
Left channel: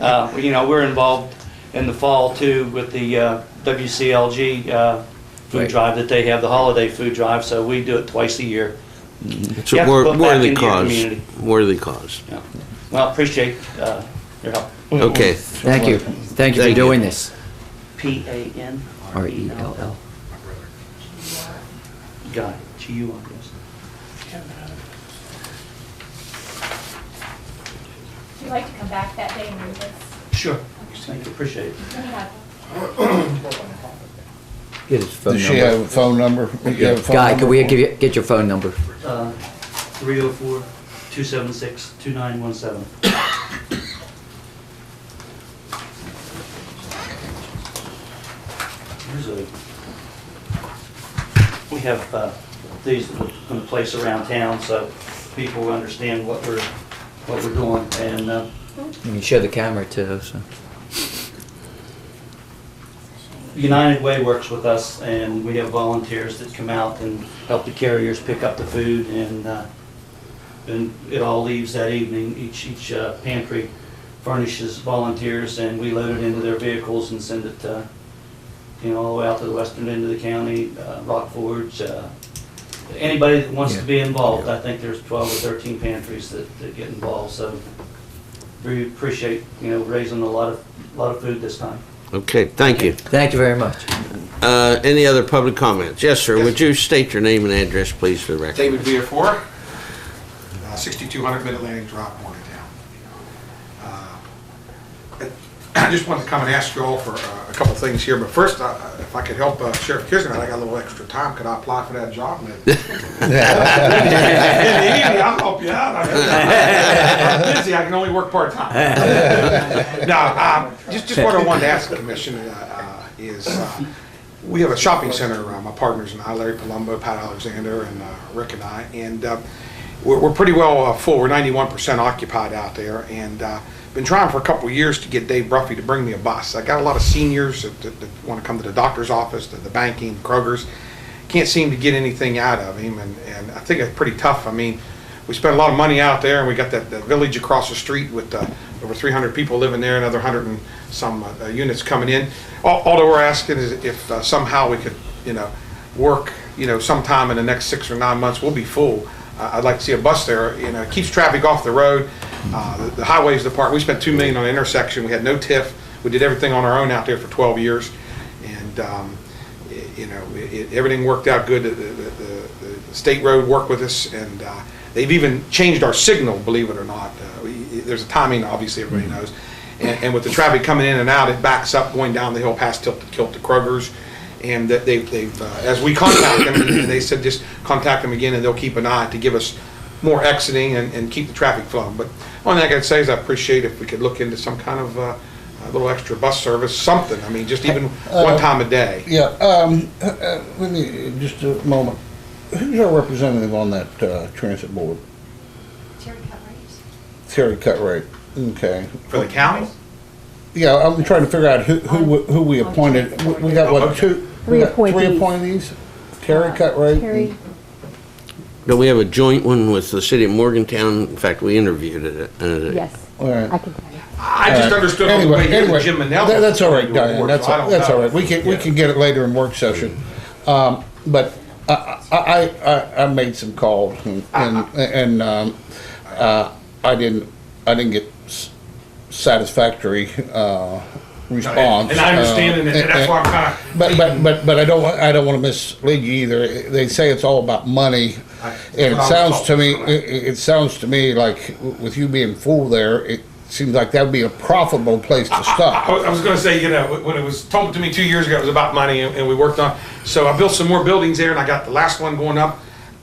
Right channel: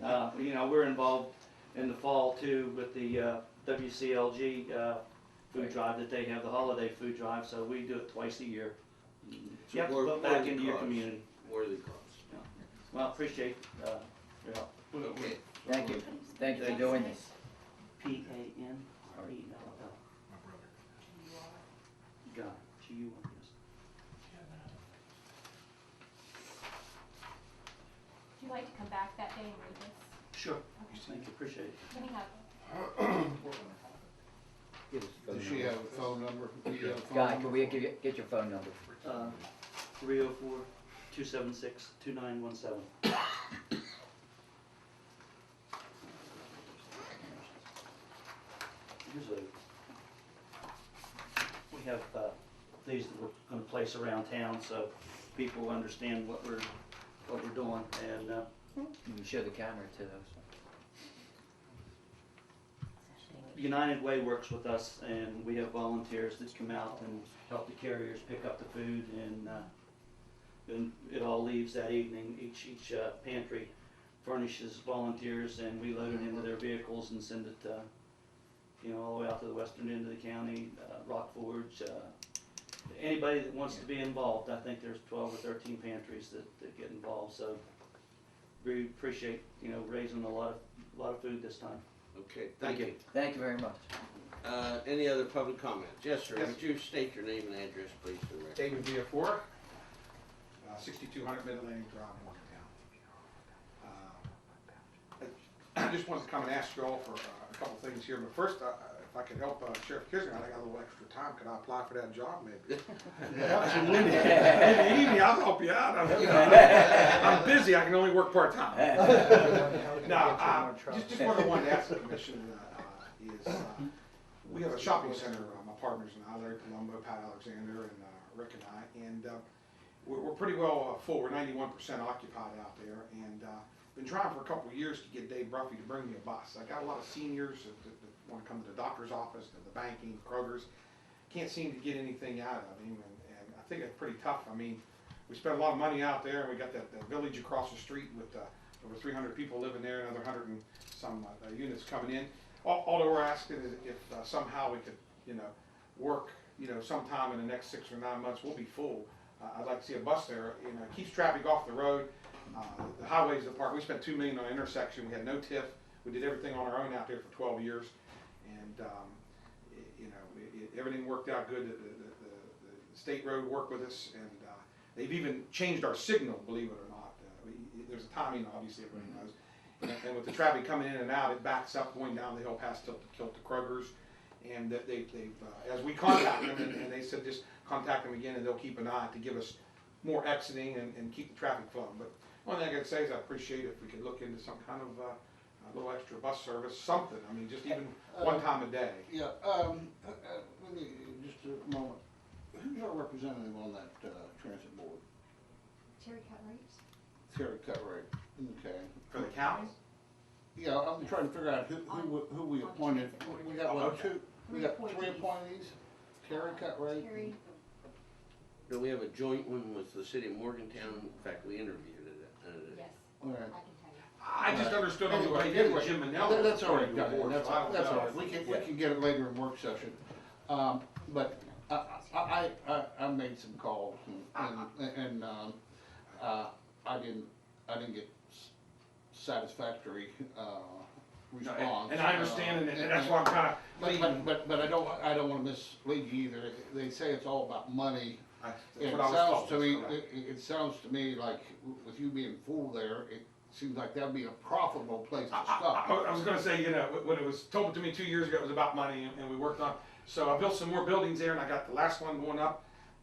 huh? You know, we're involved in the fall too with the WCLG food Right. drive that they have, the holiday food drive, so we do it twice a year. It's You a have to put back worthy into your cause. community. Worthy cause. Yeah. Well, appreciate your help. Okay. Thank you. Thank you Thank for you. doing this. PANRELL. Guy, G-U, I guess. Would you like to come back that day and read this? Sure. Thank you, appreciate it. Get his phone Does she have number. a phone number? You have a phone Guy, number? can we get your phone number? 304-276-2917. We have these in place around town so people understand what we're doing. And You can show the camera too, so. United Way works with us, and we have volunteers that come out and help the carriers pick up the food, and it all leaves that evening. Each pantry furnishes volunteers, and we load it into their vehicles and send it, all the way out to the western end of the county, Rock Forge. Anybody that wants to be involved. I think there's 12 or 13 pantries that get involved, so we appreciate raising a lot of food this time. Okay, thank you. Thank you very much. Any other public comments? Yes, sir. Would you state your name and address, please, for the record? David Viafor, 6200 Mid-Atlantic Drive, Morgantown. I just wanted to come and ask you all for a couple things here, but first, if I could help Sheriff Kisner, I got a little extra time, could I apply for that job? In the evening, I'll help you out. I'm busy, I can only work part-time. No, just what I wanted to ask the commission is, we have a shopping center, my partners and I, Larry Palumbo, Pat Alexander, and Rick and I, and we're pretty well full. We're 91% occupied out there, and been trying for a couple of years to get Dave Bruffy to bring me a bus. I got a lot of seniors that want to come to the doctor's office, to the banking, Kroger's. Can't seem to get anything out of him, and I think it's pretty tough. I mean, we spent a lot of money out there, and we got that village across the street with over 300 people living there, another 100 and some units coming in. All that we're asking is if somehow we could, work, sometime in the next 6 or 9 months, we'll be full. I'd like to see a bus there. It keeps traffic off the road. The highways department, we spent $2 million on the intersection. We had no TIF. We did everything on our own out there for 12 years, and everything worked out good. The state road worked with us, and they've even changed our signal, believe it or not. There's a timing, obviously, everybody knows. And with the traffic coming in and out, it backs up going down the hill past Tilt to Kroger's. And that they've as we contact them, and they said just contact them again, and they'll keep an eye to give us more exiting and keep the traffic flowing. But one thing I can say is I appreciate if we could look into some kind of a little extra bus service, something. I mean, just even one time a day. Yeah, let me, just a moment. Who's our representative on that transit board? Terry Cutright. Terry Cutright, okay. For the county? Yeah, I'm trying to figure out who we appointed. We got, what, two? We got Three three appointees. appointees? Terry cut rate? Terry, Do we have a joint one with the city of Morgantown? In fact, we interviewed it. yes, All right. I can tell you. I just understood on the way here that Jim Manel. That's all right, was Diane, award, that's, so I don't that's all know. right. We can get it later in work session. But I made some calls and I didn't get satisfactory response. And I understand, and that's why I'm kind of. But I don't want to mislead you either. They say it's all about money, and it sounds to me like with you being full there, it seems like that would be a profitable place to stop. I was going to say, when it was told to me 2 years ago, it was about money, and we worked on. So I built some more buildings there, and I got the last one going up.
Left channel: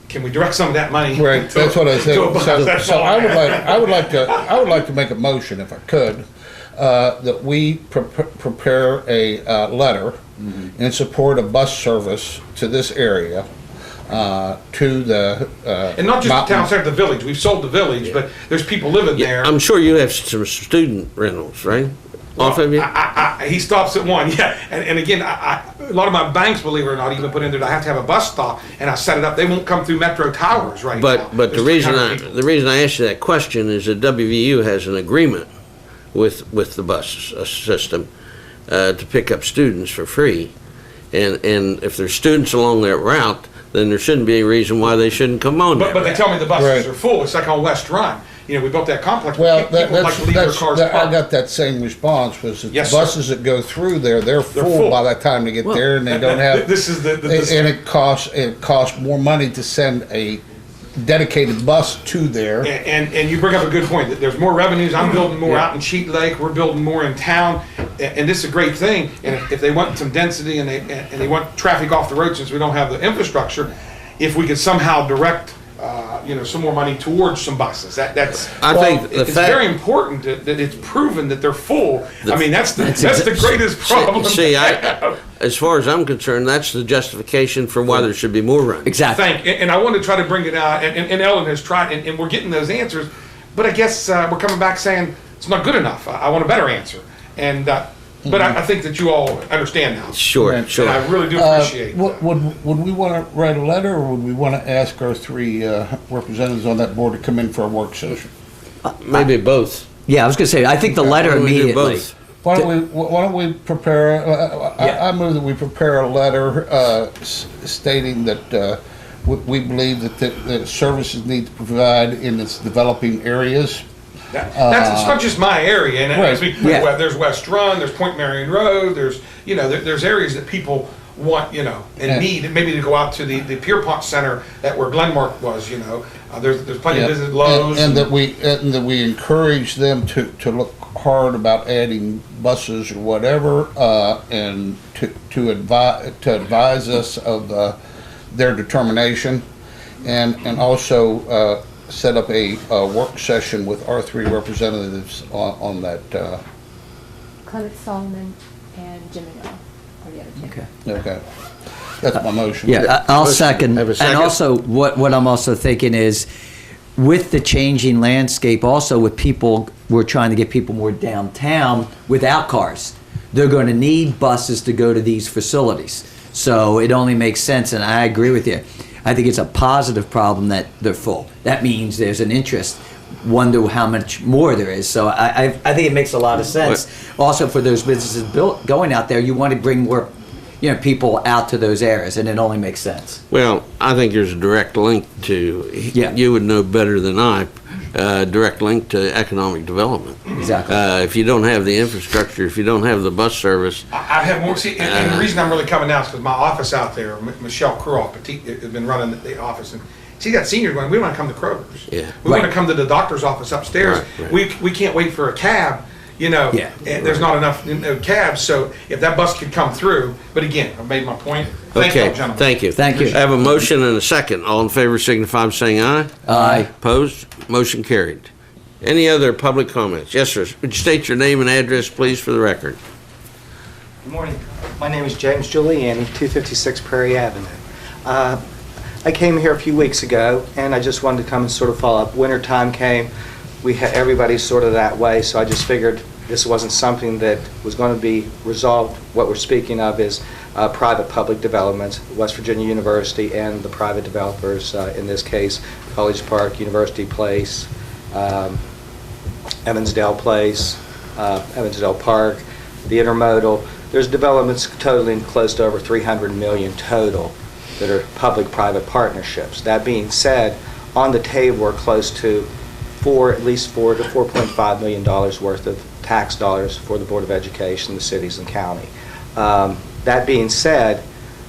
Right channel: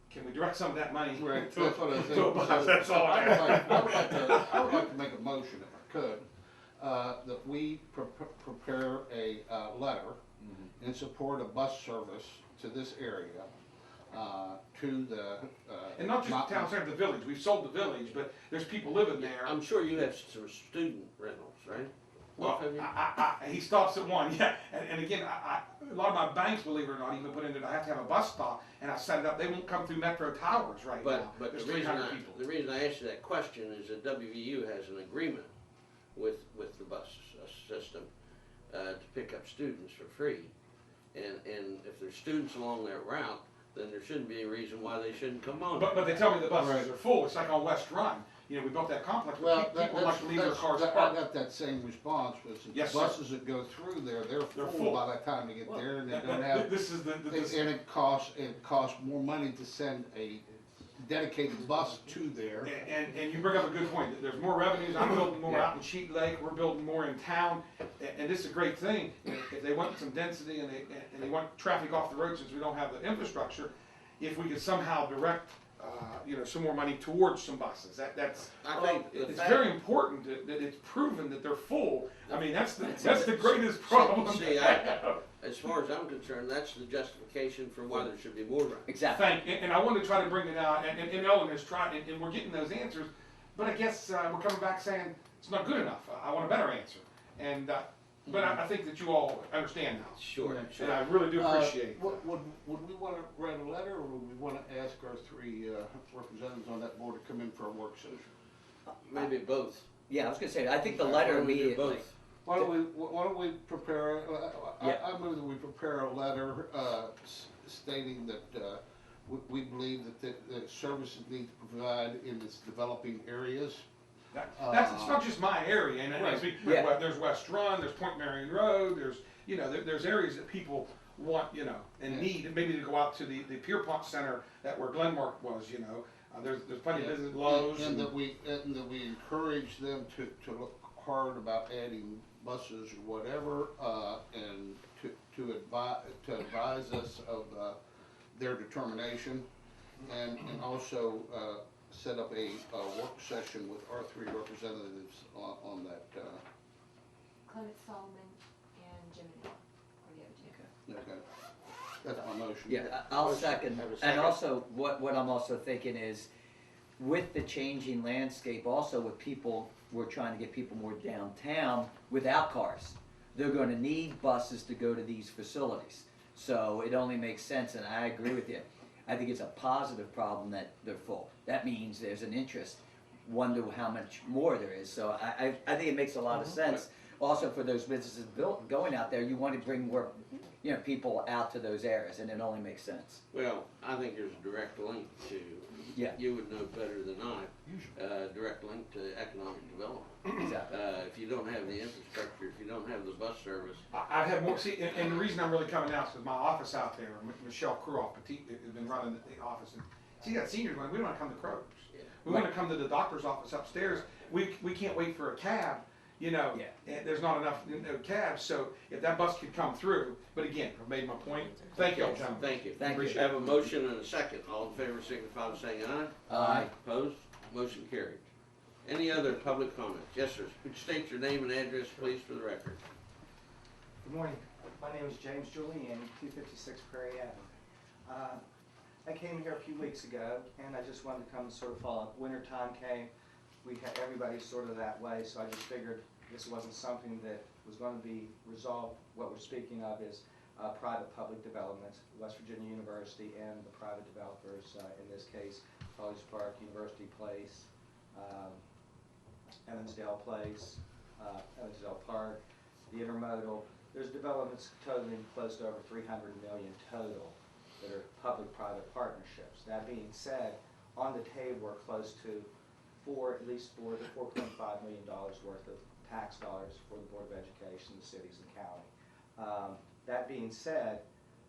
Can we direct some of that money? Right, that's what I said. to a bus? That's So all I would like to make a motion, if I could, that we prepare a letter in support of bus service to this area, to the And not just the town center, the village. We've sold the village, but there's people living there. I'm sure you have some student rentals, right? Off of you? He stops at one, yeah. And again, a lot of my banks, believe it or not, even put in there, I have to have a bus stop, and I set it up. They won't come through Metro Towers right now. But the There's reason 300 people. the reason I asked you that question is that WVU has an agreement with the bus system to pick up students for free, and if there's students along that route, then there shouldn't be any reason why they shouldn't come on. But they tell me the buses Right. are full. It's like on West Run. We built that complex. Well, people like to leave their cars I parked. got that same response, was that the Yes, sir. buses that go through there, they're full full. by the time they get there, and they don't have. This is the And it costs more money to send a dedicated bus to there. And you bring up a good point, that there's more revenues. I'm building more out in Cheat Lake, we're building more in town, and this is a great thing. And if they want some density and they want traffic off the road, since we don't have the infrastructure, if we could somehow direct, some more money towards some buses, that's. I think the it's fact- very important that it's proven that they're full. I mean, that's the greatest problem. See, as far as I'm concerned, that's the justification for why there should be more runs. Exactly. And I want to try to bring it out, and Ellen has tried, and we're getting those answers, but I guess we're coming back saying it's not good enough. I want a better answer, and but I think that you all understand now. Sure, Right. sure. And I really do appreciate that. Would we want to write a letter, or would we want to ask our three representatives on that board to come in for a work session? Maybe both. Yeah, I was gonna say, I think the letter Why don't we do immediately. both? Why don't we prepare, I move that we prepare a letter stating that we believe that the services need to provide in its developing areas. It's not just my area, and Right. as there's West Run, there's Point Marion Road, there's there's areas that people want and need, maybe to go out to the Pierpont Center where Glenmark was. There's plenty of business, Lowe's, and that we encourage them to look hard about adding buses or whatever, and to advise us of their determination, and also set up a work session with our three representatives on that. Clement Solomon and Jim Manel are the other two. Okay. Okay, that's my motion. Yeah, I'll Motion. second. Have a second? And also, what I'm also thinking is, with the changing landscape, also with people, we're trying to get people more downtown without cars. They're going to need buses to go to these facilities. So it only makes sense, and I agree with you. I think it's a positive problem that they're full. That means there's an interest. Wonder how much more there is. So I think it makes a lot of sense. Also, for those businesses going out there, you want to bring more people out to those areas, and it only makes sense. Well, I think there's a direct link to, you would know better than I, direct link to economic development. Exactly. If you don't have the infrastructure, if you don't have the bus service, I have more. See, and the reason I'm really coming now is because my office out there, Michelle Kruoff, has been running the office, and she got seniors going, we want to come to Kroger's. Yeah. We want to come to the doctor's office upstairs. Right. We can't wait for a cab, and there's not enough cabs, so if that bus could come through, but again, I've made my point. Thank you, okay, gentlemen. thank you. Thank you. I have a motion and a second. All in favor signify by saying aye. Aye. Opposed? Motion carried. Any other public comments? Yes, sir. Would you state your name and address, please, for the record? Good morning. My name is James Giuliani, 256 Prairie Avenue. I came here a few weeks ago, and I just wanted to come and sort of follow up. Winter time came. Everybody's sort of that way, so I just figured this wasn't something that was going to be resolved. What we're speaking of is private-public developments, West Virginia University and the private developers, in this case, College Park, University Place, Evansdale Place, Evansdale Park, the Intermodal. There's developments totaling close to over 300 million total that are public-private partnerships. That being said, on the table are close to at least $4 to $4.5 million worth of tax dollars for the Board of Education, the cities and county. That being said,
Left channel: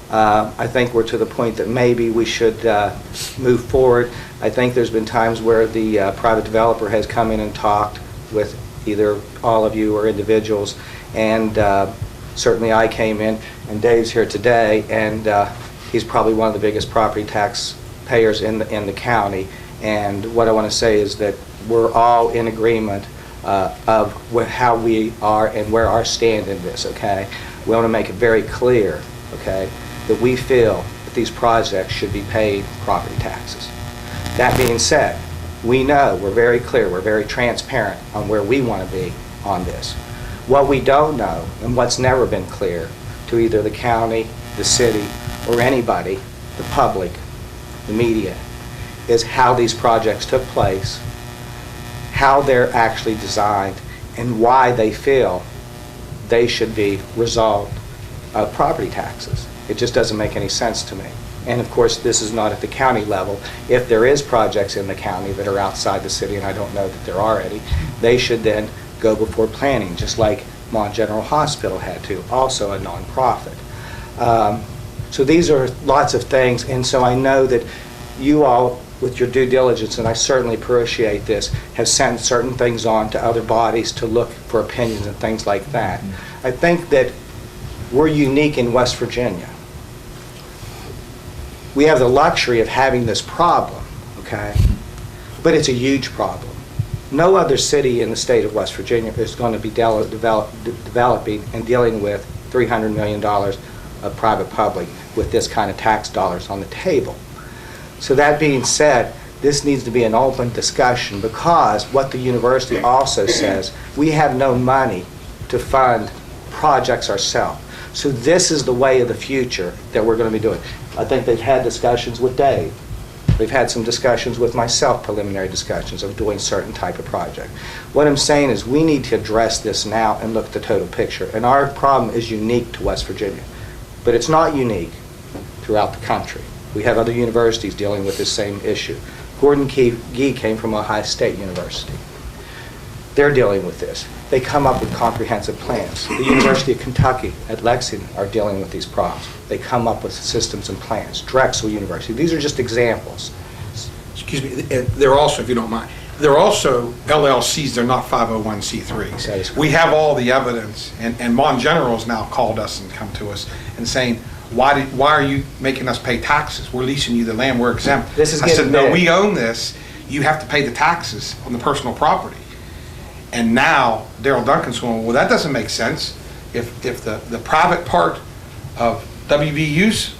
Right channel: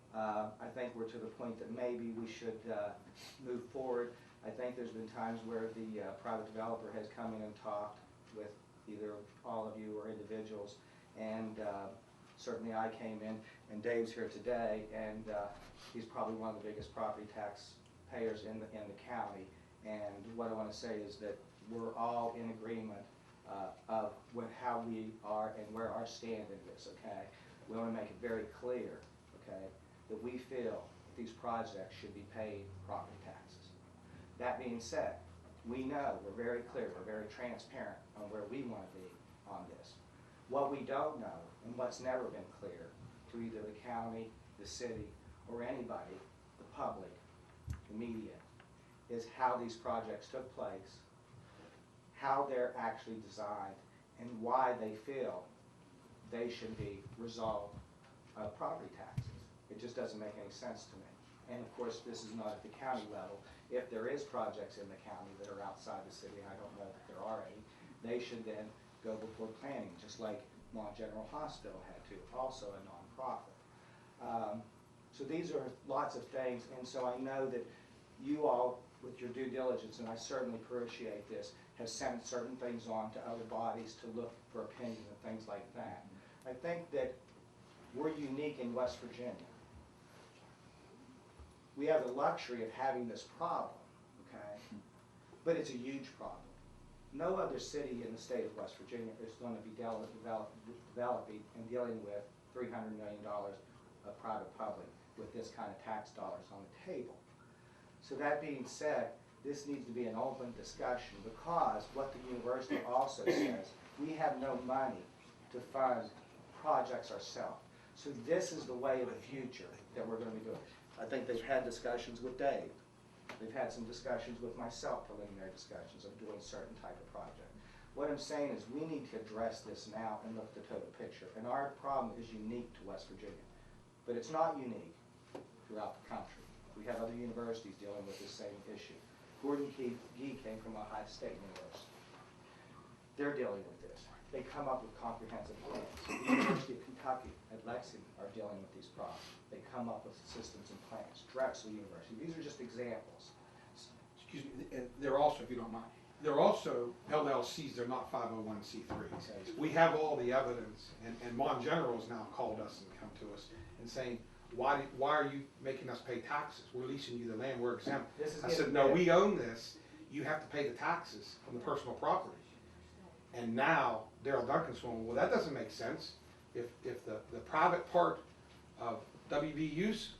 I think we're to the point that maybe we should move forward. I think there's been times where the private developer has come in and talked with either all of you or individuals, and certainly I came in, and Dave's here today, and he's probably one of the biggest property tax payers in the county. And what I want to say is that we're all in agreement of how we are and where our stand in this, okay? We want to make it very clear, okay, that we feel that these projects should be paid property taxes. That being said, we know, we're very clear, we're very transparent on where we want to be on this. What we don't know, and what's never been clear to either the county, the city, or anybody, the public, the media, is how these projects took place, how they're actually designed, and why they feel they should be resolved of property taxes. It just doesn't make any sense to me. And of course, this is not at the county level. If there is projects in the county that are outside the city, and I don't know that there are any, they should then go before planning, just like Mon General Hospital had to, also a nonprofit. So these are lots of things, and so I know that you all, with your due diligence, and I certainly appreciate this, have sent certain things on to other bodies to look for opinions and things like that. I think that we're unique in West Virginia. We have the luxury of having this problem, okay? But it's a huge problem. No other city in the state of West Virginia is going to be developing and dealing with $300 million of private-public with this kind of tax dollars on the table. So that being said, this needs to be an open discussion, because what the university also says, we have no money to fund projects ourselves. So this is the way of the future that we're going to be doing. I think they've had discussions with Dave. They've had some discussions with myself, preliminary discussions of doing certain type of project. What I'm saying is we need to address this now and look at the total picture. And our problem is unique to West Virginia, but it's not unique throughout the country. We have other universities dealing with this same issue. Gordon Gee came from Ohio State University. They're dealing with this. They come up with comprehensive plans. The University of Kentucky at Lexington are dealing with these problems. They come up with systems and plans. Drexel University. These are just examples. Excuse me, they're also, if you don't mind, they're also LLCs, they're not 501c3s. We have all the evidence, and Mon General's now called us and come to us and saying, why are you making us pay taxes? We're leasing you the land, we're exempt. This is I said, no, big. we own this. You have to pay the taxes on the personal property. And now Daryl Duncan's going, well, that doesn't make sense. If the private part of WVU's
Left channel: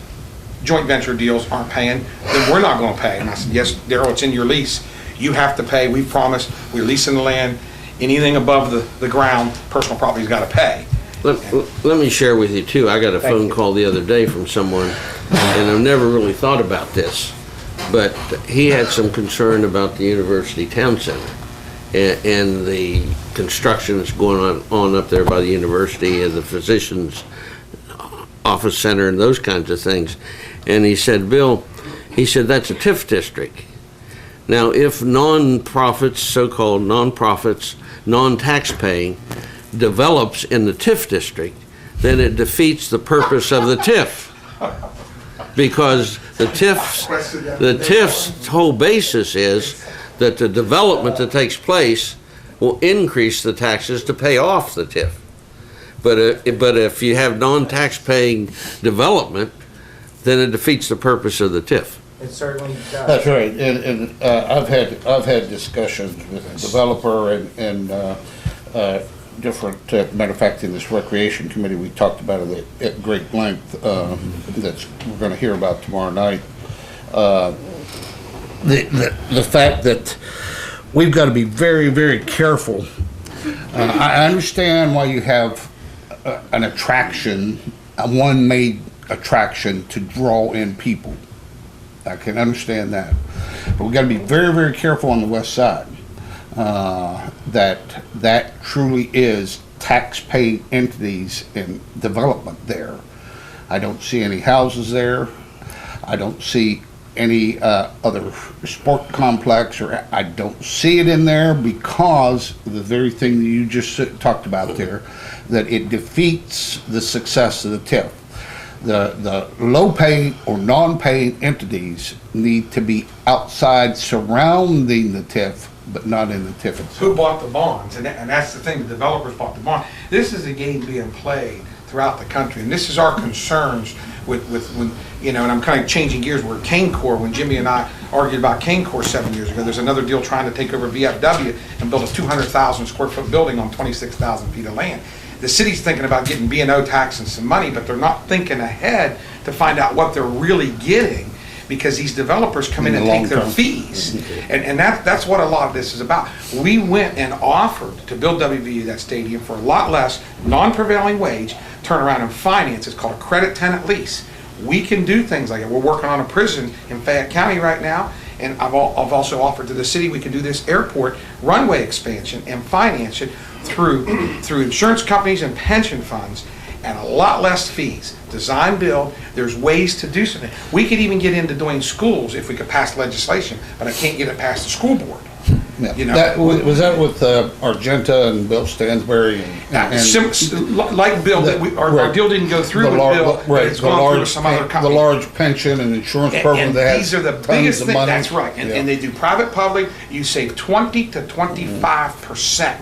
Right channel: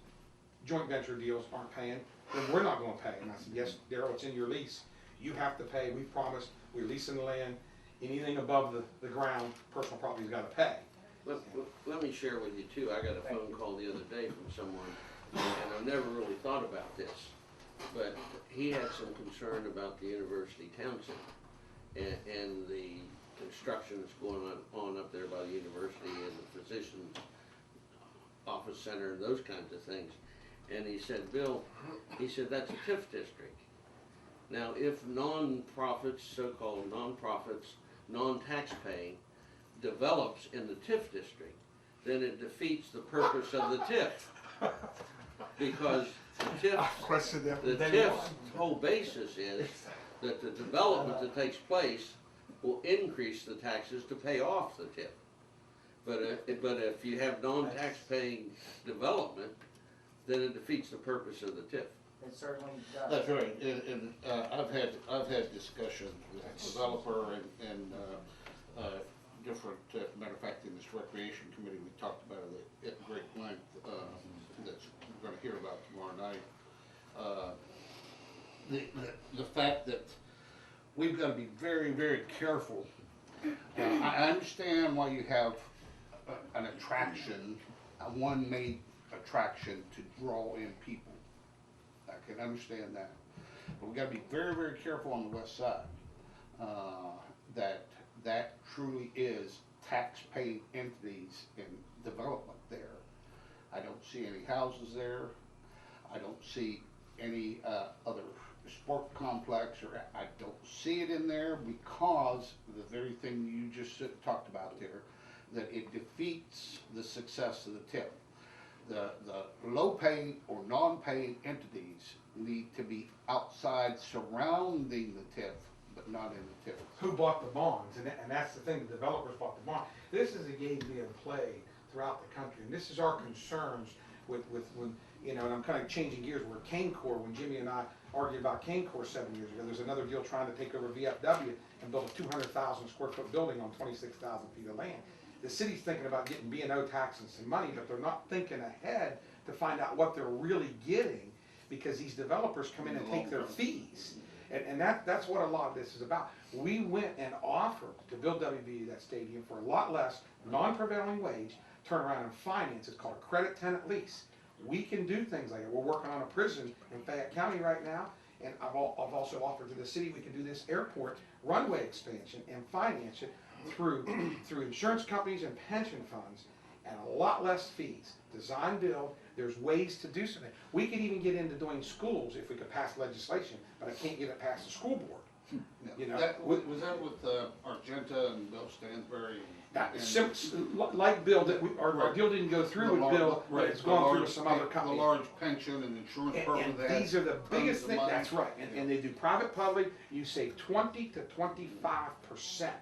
joint venture deals aren't paying, then we're not going to pay. And I said, yes, Daryl, it's in your lease. You have to pay. We promised. We're leasing the land. Anything above the ground, personal property's got to pay. Let me share with you, too. I got a phone call the other day from someone, and I've never really thought about this, but he had some concern about the University Town Center and the construction that's going on up there by the university and the physician's office center and those kinds of things. And he said, Bill, he said, that's a TIF district. Now, if non-profits, so-called non-profits, non-tax-paying, develops in the TIF district, then it defeats the purpose of the TIF. Because the TIF's whole basis is that the development that takes place will increase the taxes to pay off the TIF. But if you have non-tax-paying development, then it defeats the purpose of the TIF. It certainly does. That's right, and I've had discussions with the developer and different, matter of fact, in this recreation committee, we talked about it at great length, that's we're going to hear about tomorrow night. The fact that we've got to be very, very careful. I understand why you have an attraction a one-made attraction to draw in people. I can understand that. But we gotta be very, very careful on the west side. That truly is tax-paying entities in development there. I don't see any houses there. I don't see any other sport complex, or I don't see it in there because of the very thing that you just talked about there, that it defeats the success of the TIF. The low-paying or non-paying entities need to be outside surrounding the TIF, but not in the TIF itself. Who bought the bonds? And that's the thing, the developers bought the bond. This is a game being played throughout the country, and this is our concerns with when, you know, and I'm kind of changing gears, where Cane Corps, when Jimmy and I argued about Cane Corps 7 years ago, there's another deal trying to take over VFW and build a 200,000 square foot building on 26,000 feet of land. The city's thinking about getting B&O tax and some money, but they're not thinking ahead to find out what they're really getting, because these developers come in and take their fees. And that's what a lot of this is about. We went and offered to build WVU that stadium for a lot less, non-prevailing wage, turn around and finance. It's called a credit tenant lease. We can do things like that. We're working on a prison in Fayette County right now, and I've also offered to the city we can do this airport runway expansion and finance it through insurance companies and pension funds, and a lot less fees. Design, build, there's ways to do something. We could even get into doing schools if we could pass legislation, but I can't get it past the school board. Yeah. You know? Was that with Argenta and Bill Stansbury? Like Bill, our deal didn't go through with Bill, but it's gone through with some other company. The large pension and insurance program and that has these are the tons biggest of things. money. That's right. And they do private-public. You save 20 to 25%.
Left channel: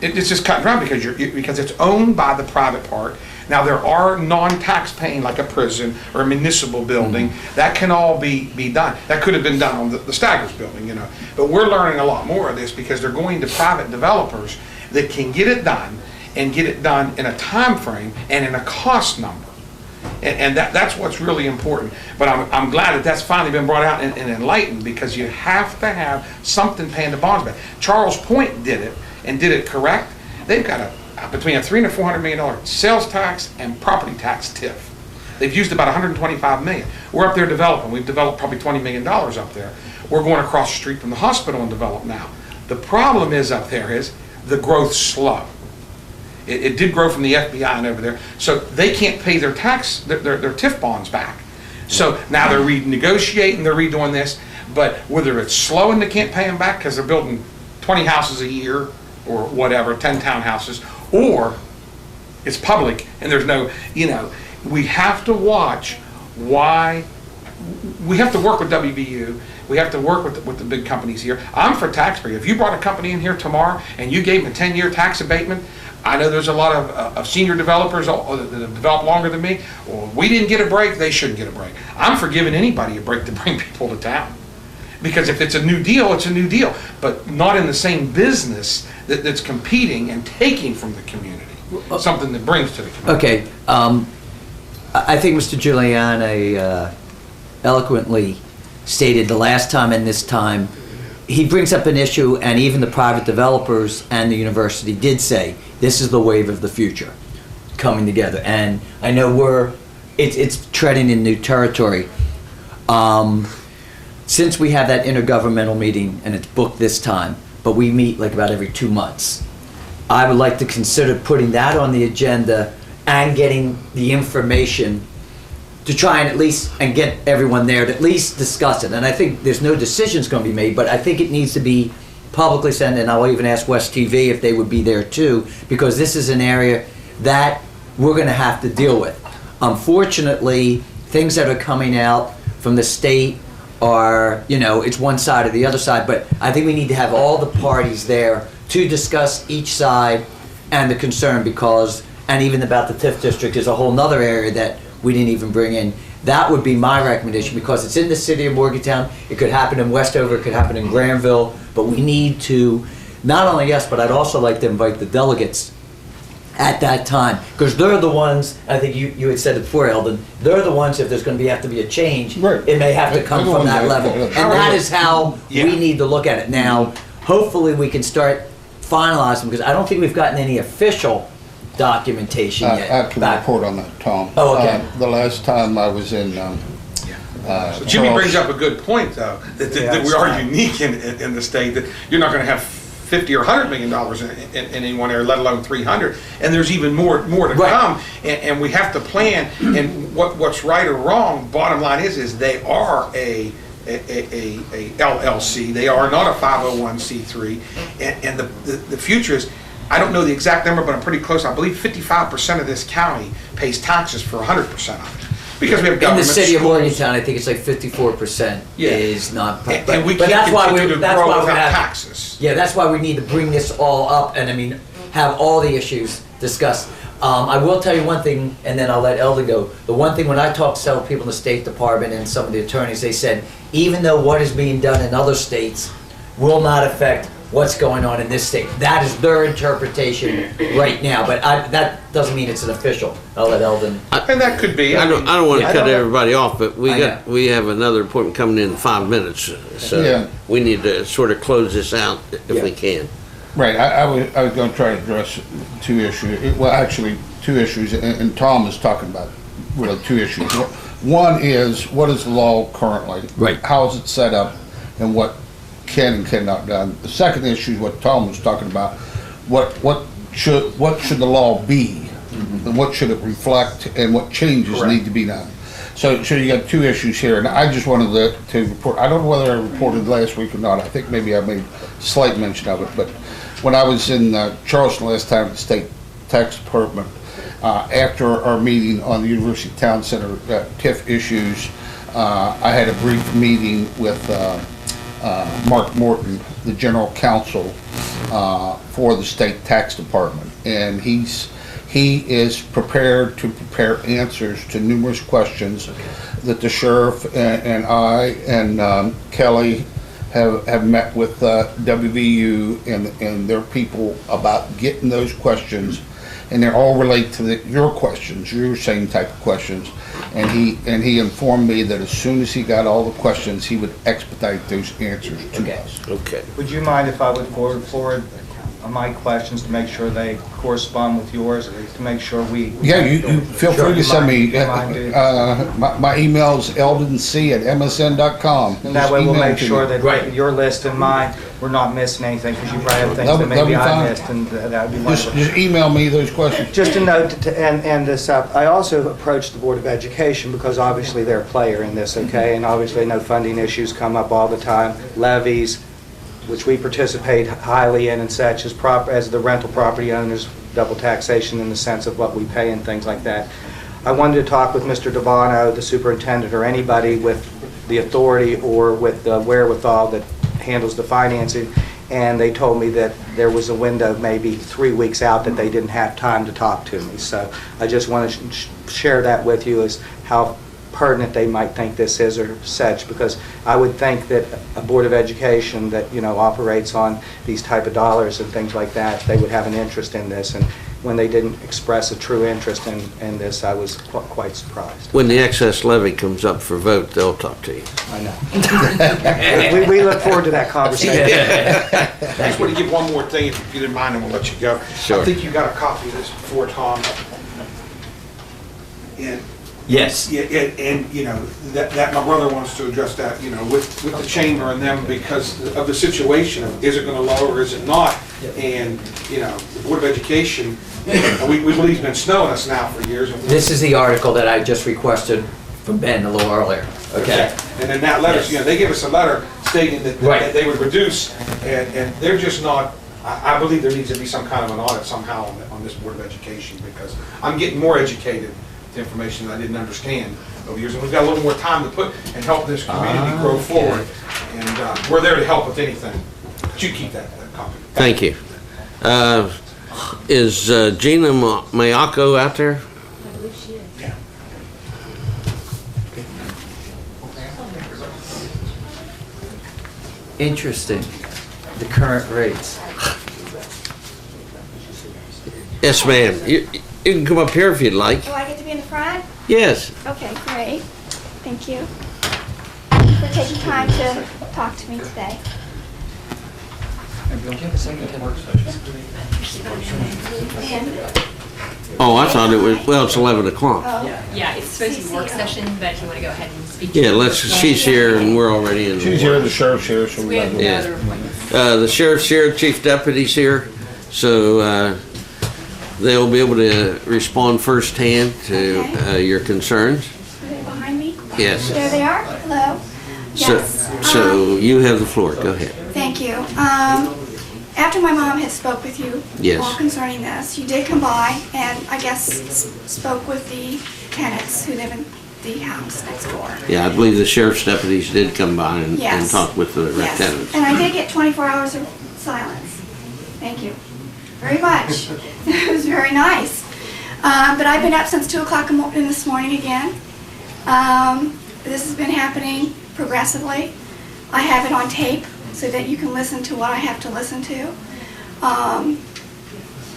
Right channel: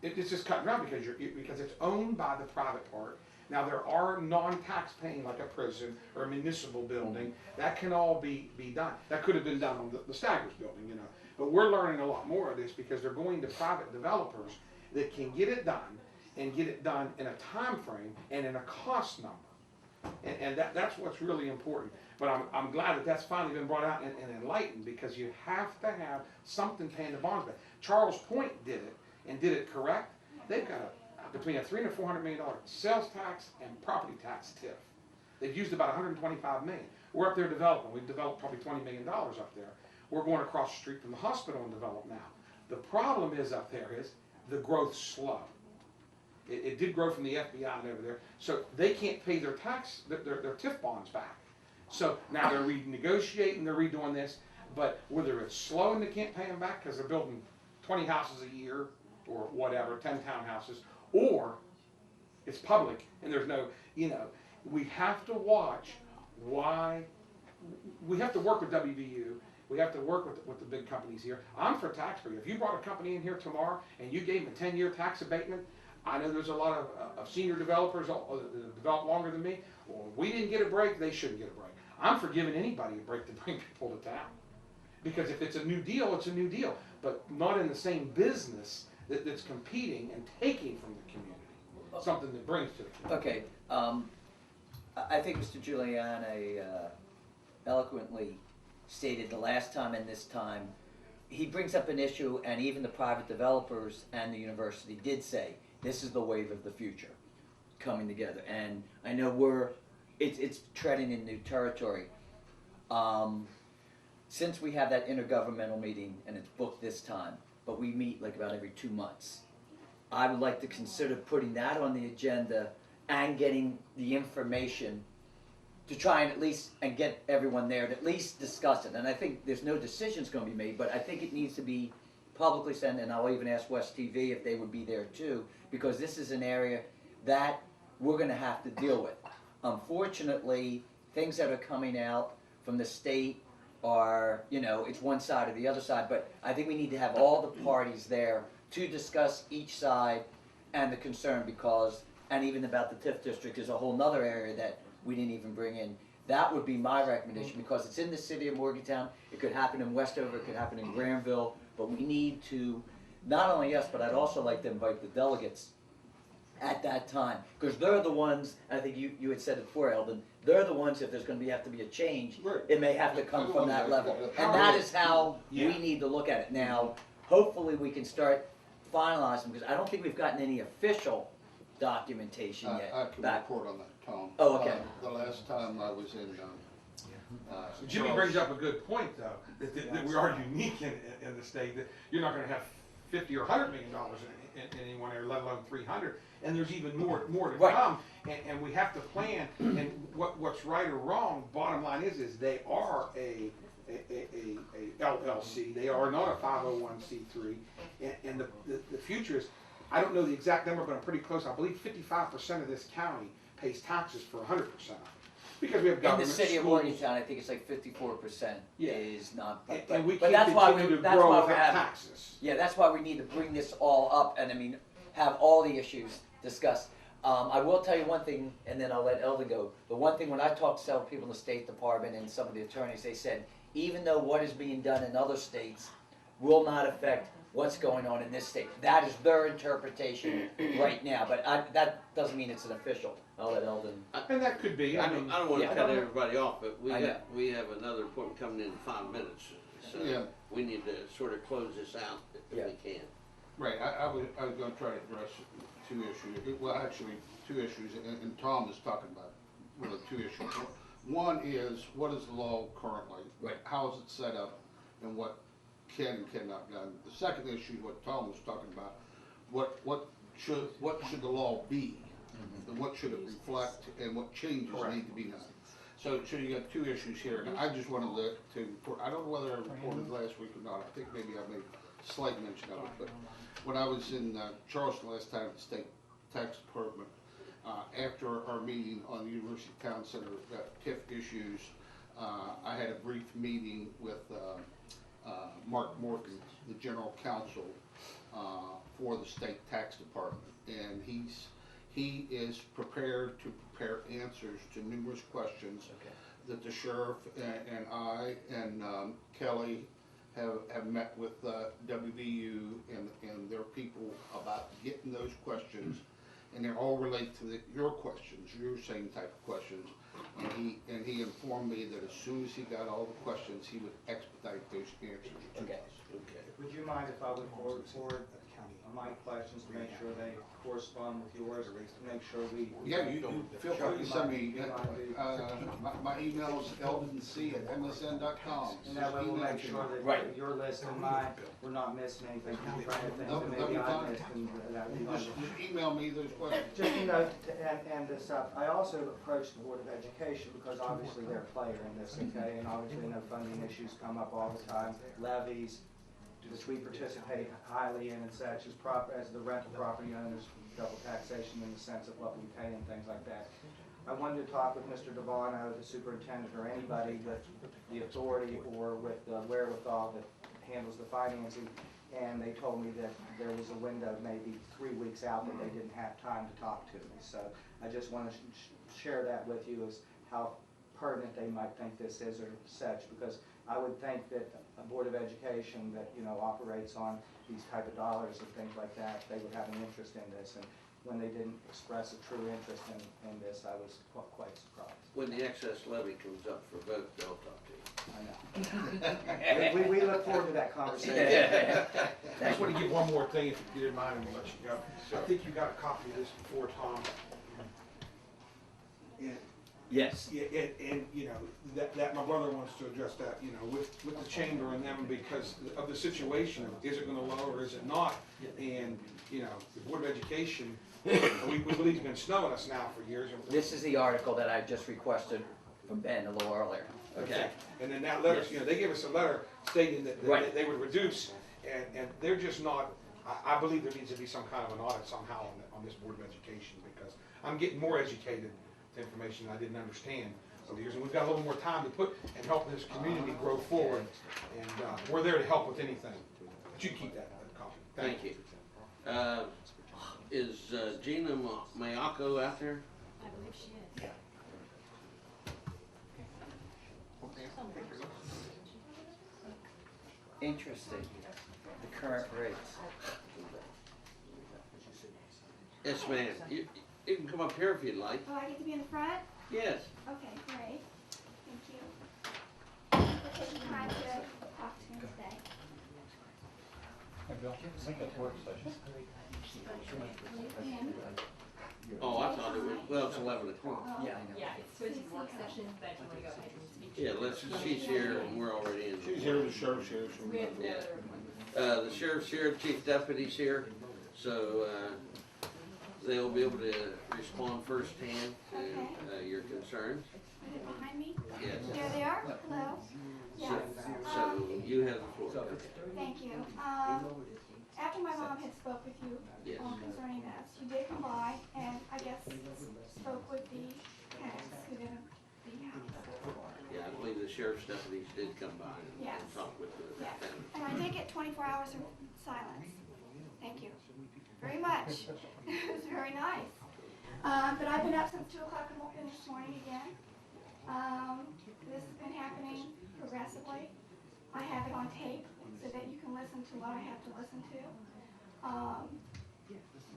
It's just cut and dry because it's owned by the private part. Now, there are non-tax paying, like a prison or a municipal building. That can all be done. That could have been done on the Staggers building, you know. But we're learning a lot more of this because they're going to private developers that can get it done, and get it done in a time frame and in a cost number. And that's what's really important. But I'm glad that that's finally been brought out and enlightened, because you have to have something paying the bonds back. Charles Point did it, and did it correct. They've got between a $300 and $400 million sales tax and property tax TIF. They've used about $125 million. We're up there developing. We've developed probably $20 million up there. We're going across the street from the hospital and develop now. The problem is up there is the growth's slow. It did grow from the FBI and over there, so they can't pay their tax, their TIF bonds back. So now they're renegotiating, they're redoing this, but whether it's slow and they can't pay them back because they're building 20 houses a year or whatever, 10 townhouses, or it's public and there's no, you know, we have to watch why. We have to work with WVU. We have to work with the big companies here. I'm for taxpayer. If you brought a company in here tomorrow and you gave them a 10-year tax abatement, I know there's a lot of senior developers that have developed longer than me. Well, we didn't get a break, they shouldn't get a break. I'm for giving anybody a break to bring people to town. Because if it's a new deal, it's a new deal, but not in the same business that's competing and taking from the community, something that brings to the community. Okay, I think Mr. Giuliani eloquently stated the last time and this time. He brings up an issue, and even the private developers and the university did say, this is the wave of the future coming together. And I know it's treading in new territory. Since we have that intergovernmental meeting, and it's booked this time, but we meet like about every 2 months, I would like to consider putting that on the agenda and getting the information to try and at least and get everyone there to at least discuss it. And I think there's no decisions going to be made, but I think it needs to be publicly said, and I'll even ask West TV if they would be there too, because this is an area that we're going to have to deal with. Unfortunately, things that are coming out from the state are, you know, it's one side or the other side, but I think we need to have all the parties there to discuss each side and the concern, because, and even about the TIF district is a whole nother area that we didn't even bring in. That would be my recommendation, because it's in the city of Morgantown. It could happen in Westover, it could happen in Granville, but we need to, not only us, but I'd also like to invite the delegates at that time, because they're the ones, I think you had said it before, Eldon, they're the ones, if there's going to have to be a change, it may have to come from that level. And that is how we need to look at it. Now, hopefully we can start finalizing, because I don't think we've gotten any official documentation I yet. can back- report on that, Tom. Oh, okay. The last time I was in, So Jimmy brings up a good point, though, that we are unique in the state, that you're not going to have 50 or $100 million in any one area, let alone 300, and there's even more to Right. come, and we have to plan. And what's right or wrong, bottom line is they are a LLC. They are not a 501c3, and the future is, I don't know the exact number, but I'm pretty close. I believe 55% of this county pays taxes for 100% of it, because we have In government the city of schools. Morgantown, I think it's like 54% Yeah. is not. And we can't continue to grow without taxes. Yeah, that's why we need to bring this all up and, I mean, have all the issues discussed. I will tell you one thing, and then I'll let Eldon go. The one thing, when I talk to several people in the State Department and some of the attorneys, they said, even though what is being done in other states will not affect what's going on in this state. That is their interpretation right now, but that doesn't mean it's an official. I'll let Eldon. And that could be. I don't want to Yeah. cut everybody off, but I we have another appointment coming in 5 minutes, so Yeah. we need to sort of close this out if we can. right, I was going to try to address two issues. Well, actually, two issues, and Tom is talking about really two issues. One is, what is the law currently? Right. How is it set up, and what can and cannot be done? The second issue is what Tom was talking about. What should the law be, and what should it reflect, and what changes need to be done? So you got two issues here, and I just wanted to report. I don't know whether I reported last week or not. I think maybe I made slight mention of it, but when I was in Charleston last time at the State Tax Department, after our meeting on the University Town Center TIF issues, I had a brief meeting with Mark Morton, the General Counsel for the State Tax Department, and he is prepared to prepare answers to numerous questions that the sheriff and I and Kelly have met with WVU and their people about getting those questions, and they all relate to your questions, your same type of questions. And he informed me that as soon as he got all the questions, he would expedite those answers to us. Okay. Would you mind if I would forward my questions to make sure they correspond with yours, to make sure we... Yeah, you feel free to send me. Mind, dude? My email's eldonc@msn.com. And that way we'll Just email make it to sure me. that your list and mine, we're not missing anything, because you probably have things that That'll be maybe I fine. missed, and that would be wonderful. Just email me those questions. Just a note to end this up, I also approached the Board of Education because obviously they're a player in this, okay? And obviously I know funding issues come up all the time, levies, which we participate highly in and such, as the rental property owners, double taxation in the sense of what we pay and things like that. I wanted to talk with Mr. Devano, the superintendent, or anybody with the authority or with the wherewithal that handles the financing, and they told me that there was a window maybe 3 weeks out that they didn't have time to talk to me. So I just want to share that with you, as how pertinent they might think this is or such, because I would think that a Board of Education that, you know, operates on these type of dollars and things like that, they would have an interest in this. And when they didn't express a true interest in this, I was quite surprised. When the excess levy comes up for vote, they'll talk to you. I know. we look forward to that conversation. I just want to give one more thing, if you didn't mind, and we'll let you go. Sure. I think you got a copy of this before, Tom. And Yes. yeah, and you know, that my brother wants to address that, you know, with the chamber and them, because of the situation of, is it gonna lower or is it not? And, you know, the Board of Education, we believe it's been snowing us now for years. This is the article that I just requested from Ben a little earlier, okay? And then that letter, you know, they give us a letter stating that Right. they would reduce, and they're just not, I believe there needs to be some kind of an audit somehow on this Board of Education, because I'm getting more educated to information that I didn't understand over the years, and we've got a little more time to put and help this community grow forward, and we're there to help with anything. But you keep that copy. Thank you. Is Gina Mayako out there? I believe she is. Yeah. Interesting, the current rates. Yes, ma'am. You can come up here if you'd like. Oh, I get to be in the front? Yes. Okay, great. Thank you for taking time to talk to me today. Oh, I thought it was, well, it's 11 o'clock. Yeah, it's supposed to be work session, but if you want to go ahead and speak. Yeah, she's here and we're already in. She's here, the sheriff's here, so we We got have to. Yeah. other appointments. The sheriff's here, chief deputy's here, so they'll be able to respond firsthand to your concerns. Are they behind me? Yes. There they are. Hello. Yes. So you have the floor. Go ahead. Thank you. After my mom had spoke with you Yes. all concerning this, you did come by and I guess spoke with the tenants who live in the house next door. Yeah, I believe the sheriff's deputies did come by and Yes. talk with the Yes. tenants. And I did get 24 hours of silence. Thank you very much. It was very nice. But I've been up since 2 o'clock in this morning again. This has been happening progressively. I have it on tape so that you can listen to what I have to listen to.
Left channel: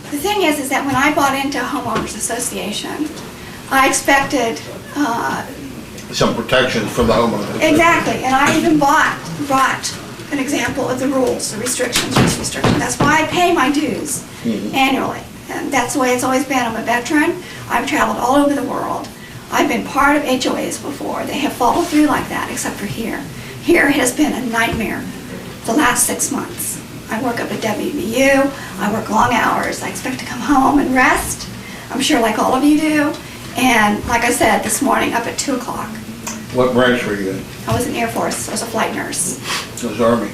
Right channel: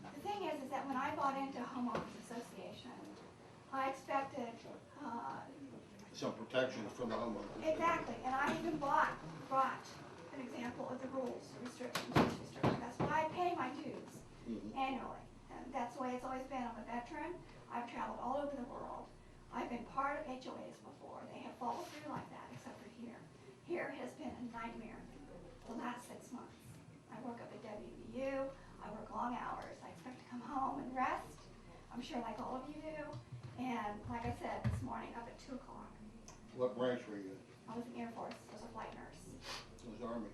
The thing is that when I bought into Homeowners Association, I expected Some protections for the homeowners. exactly, and I even brought an example of the rules, the restrictions, use restrictions. That's why I pay my dues annually, and that's the way it's always been. I'm a veteran. I've traveled all over the world. I've been part of HOAs before. They have followed through like that, except for here. Here has been a nightmare the last 6 months. I work up at WVU. I work long hours. I expect to come home and rest. I'm sure like all of you do. And like I said, this morning up at 2 o'clock. What branch were you in? I was in Air Force. I was a flight nurse. It was Army.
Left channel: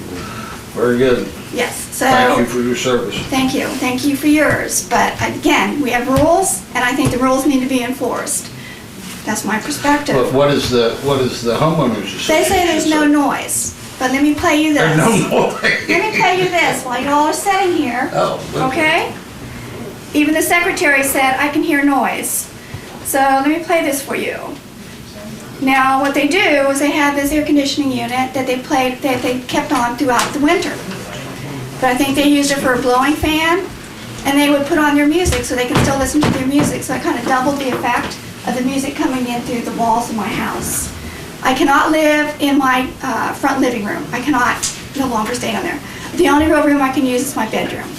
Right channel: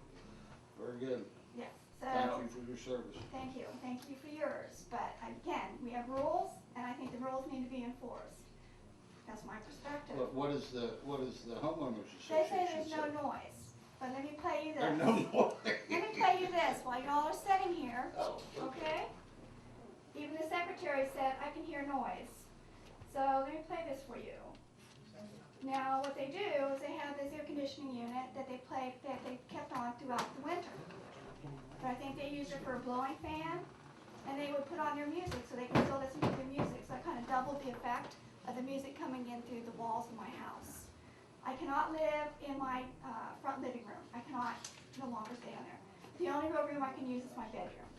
Very good. Yes, so. Thank you for your service. Thank you. Thank you for yours. But again, we have rules, and I think the rules need to be enforced. That's my perspective. But what is the homeowners association? They say there's no noise, but let me play you this. There's no noise. Let me play you this while you all are sitting here. Oh, Okay? Even the secretary said, I can hear noise. So let me play this for you. Now, what they do is they have this air conditioning unit that they kept on throughout the winter. But I think they used it for a blowing fan, and they would put on their music so they can still listen to their music. So I kind of doubled the effect of the music coming in through the walls of my house. I cannot live in my front living room. I cannot no longer stay down there. The only real room I can use is my bedroom,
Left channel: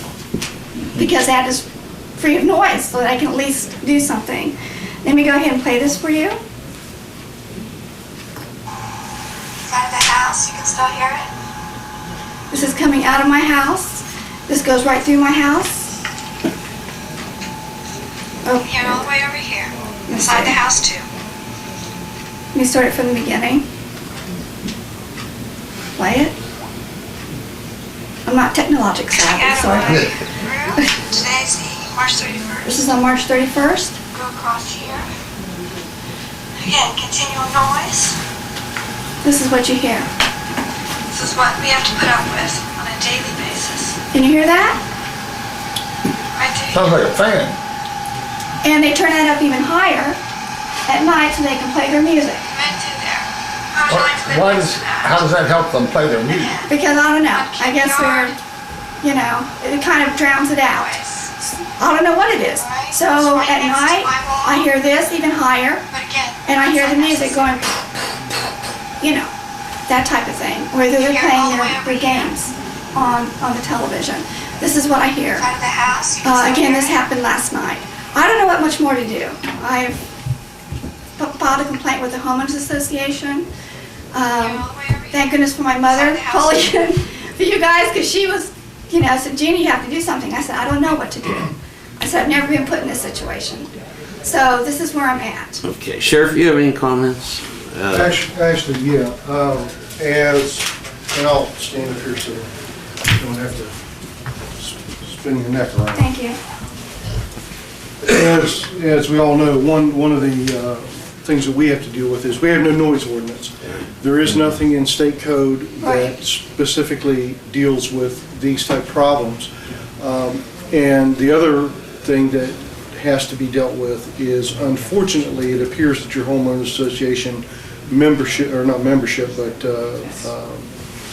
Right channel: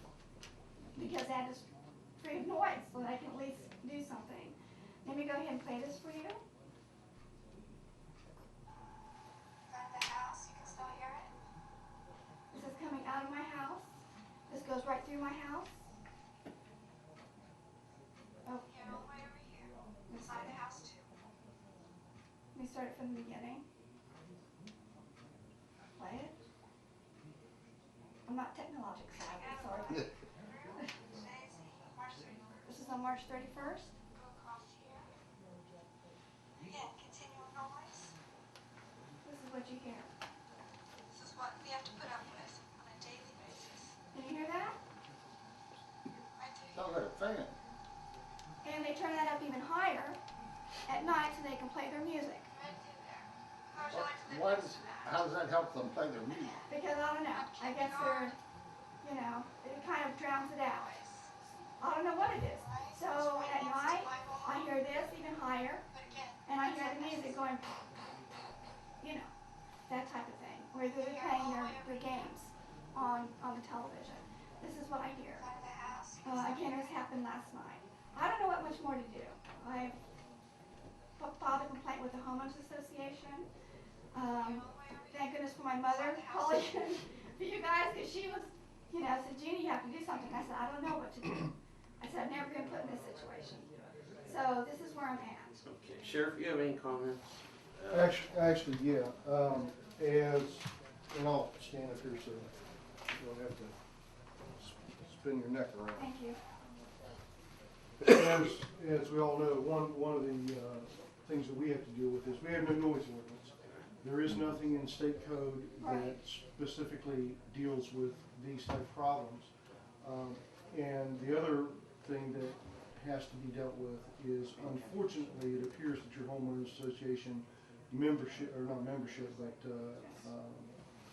because that is free of noise, so that I can at least do something. Let me go ahead and play this for you. Side of the house, you can still hear it. This is coming out of my house. This goes right through my house. Oh. Here, all the way over here. Inside the house too. Let me start it from the beginning. Play it. I'm not technologic savvy, sorry. Today's March 31st. This is on March 31st. Go across here. Again, continual noise. This is what you hear. This is what we have to put up with on a daily basis. Can you hear that? Right there. Sounds like a fan. And they turn that up even higher at night so they can play their music. Right through there. How would you like to live How does that help them play their music? Because I don't know. I guess they're, it kind of drowns it out. I don't know what it is. So at night, I hear this even higher, and I hear the music going, that type of thing, where they're playing their games on the television. This is what I hear. Again, this happened last night. I don't know what much more to do. I've filed a complaint with the Homeowners Association. Thank goodness for my mother calling in for you guys, because she was, said, Jeannie, you have to do something. I said, I don't know what to do. I said, I've never been put in this situation. So this is where I'm at. Okay, Sheriff, you have any comments? Actually, yeah. And I'll stand up here so you don't have to spin your neck around. Thank you. As we all know, one of the things that we have to deal with is we have no noise ordinance. There is nothing in state code that specifically deals with these type of problems. And the other thing that has to be dealt with is, unfortunately, it appears that your homeowners association membership, or not membership, but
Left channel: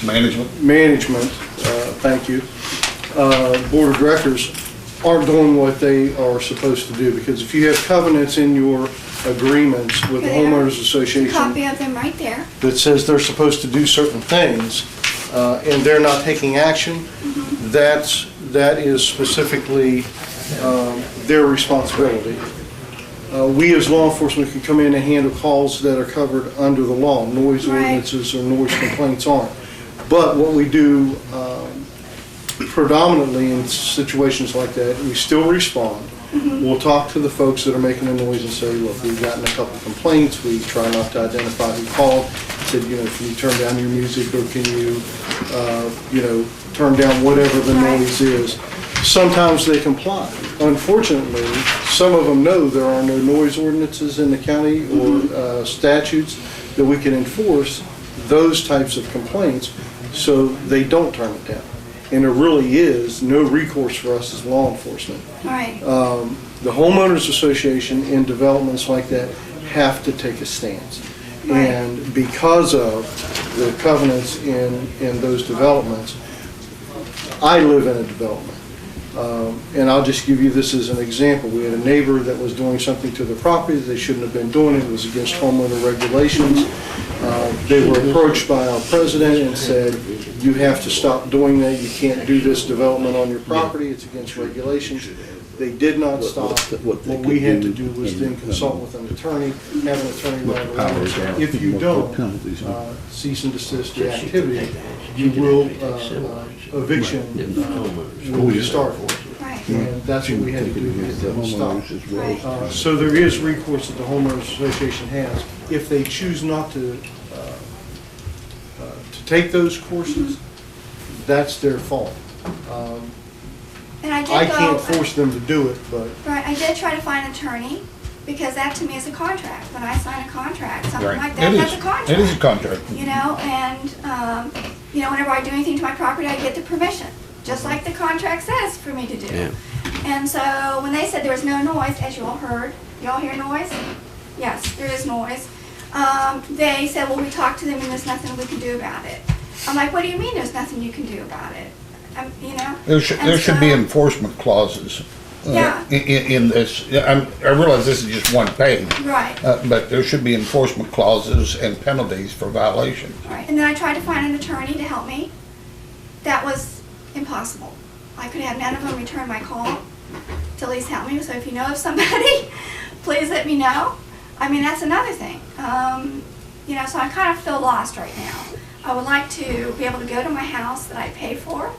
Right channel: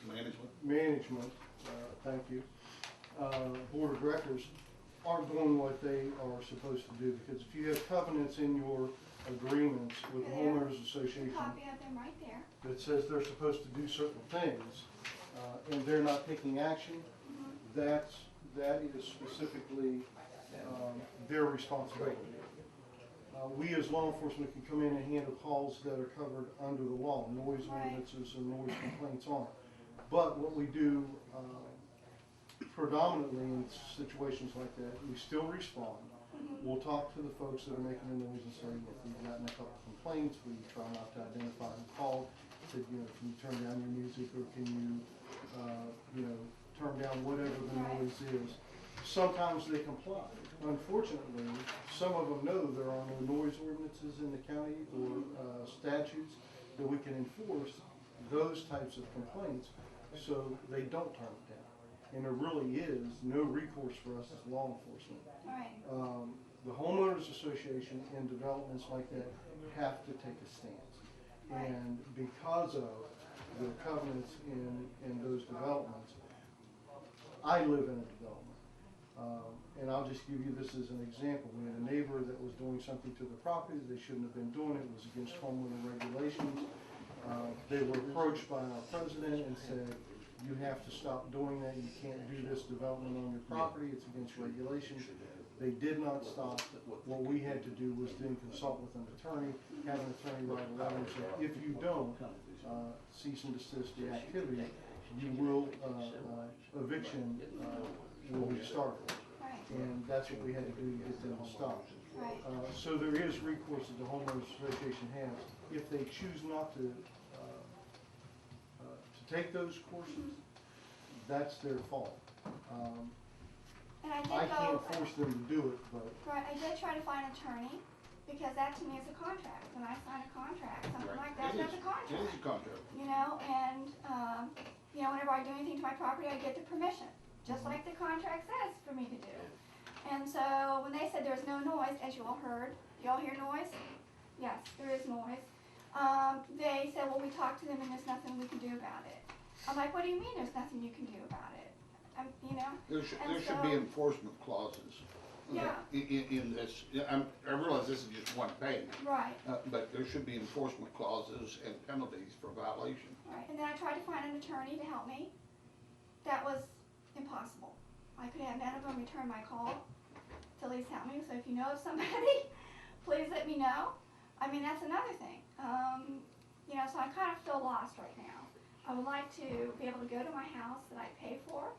management, thank you, board of directors aren't doing what they are supposed to do. Because if you have covenants in your agreements with the homeowners association, Copy of them right there. that says they're supposed to do certain things, and they're not taking action, that is specifically their responsibility. We as law enforcement can come in and handle calls that are covered under the law. Noise ordinances or noise complaints aren't. But what we do predominantly in situations like that, we still respond. We'll talk to the folks that are making the noise and say, look, we've gotten a couple complaints. We try not to identify who called. Said, you know, can you turn down your music, or can you, you know, turn down whatever the noise is. Sometimes they comply. Unfortunately, some of them know there are no noise ordinances in the county or statutes that we can enforce those types of complaints, so they don't turn it down. And there really is no recourse for us as law enforcement. Right. The homeowners association in developments like that have to take a stance. Right. And because of the covenants in those developments, I live in a development. And I'll just give you this as an example. We had a neighbor that was doing something to the property that they shouldn't have been doing. It was against homeowner regulations. They were approached by our president and said, you have to stop doing that. You can't do this development on your property. It's against regulations. They did not stop. What we had to do was then consult with an attorney, have an attorney write a letter. If you don't cease and desist the activity, you will eviction will be started. And that's what we had to do to get them stopped. So there is recourse that the homeowners association has. If they choose not to take those courses, that's their fault. And I can't force them to do it, but. Right, I did try to find an attorney, because that to me is a contract. When I sign a contract, something Right. like that, that's a contract. It is a contract. You know, and, you know, whenever I do anything to my property, I get the permission, just like the contract says for me to do. Yeah. And so when they said there was no noise, as you all heard, you all hear noise? Yes, there is noise. They said, well, we talked to them and there's nothing we can do about it. I'm like, what do you mean there's nothing you can do about it? You know? There should be enforcement clauses Yeah. in this. I realize this is just one page. Right. But there should be enforcement clauses and penalties for violations. Right, and then I tried to find an attorney to help me. That was impossible. I could have none of them return my call to at least help me. So if you know of somebody, please let me know. I mean, that's another thing. You know, so I kind of feel lost right now. I would like to be able to go to my house that I pay for,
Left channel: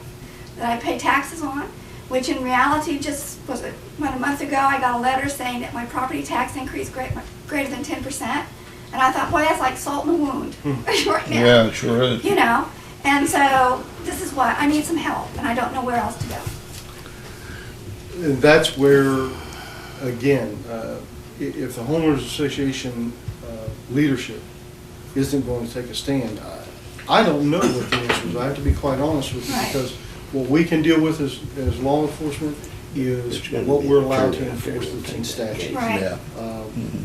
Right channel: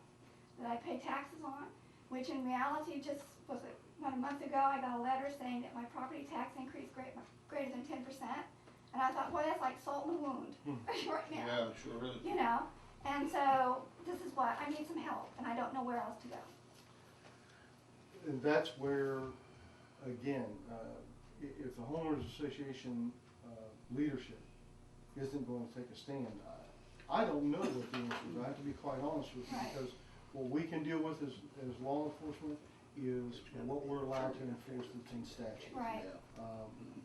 that I pay taxes on, which in reality just was about a month ago I got a letter saying that my property tax increased greater than 10%. And I thought, boy, that's like salt in the wound right now. Yeah, it sure is. You know, and so this is what, I need some help and I don't know where else to go. And that's where, again, if the homeowners association leadership isn't going to take a stand, I don't know what the answer is. I have to be quite honest with you, because what we can deal with as law enforcement is what we're allowed to enforce that's in statute. Right. Yeah.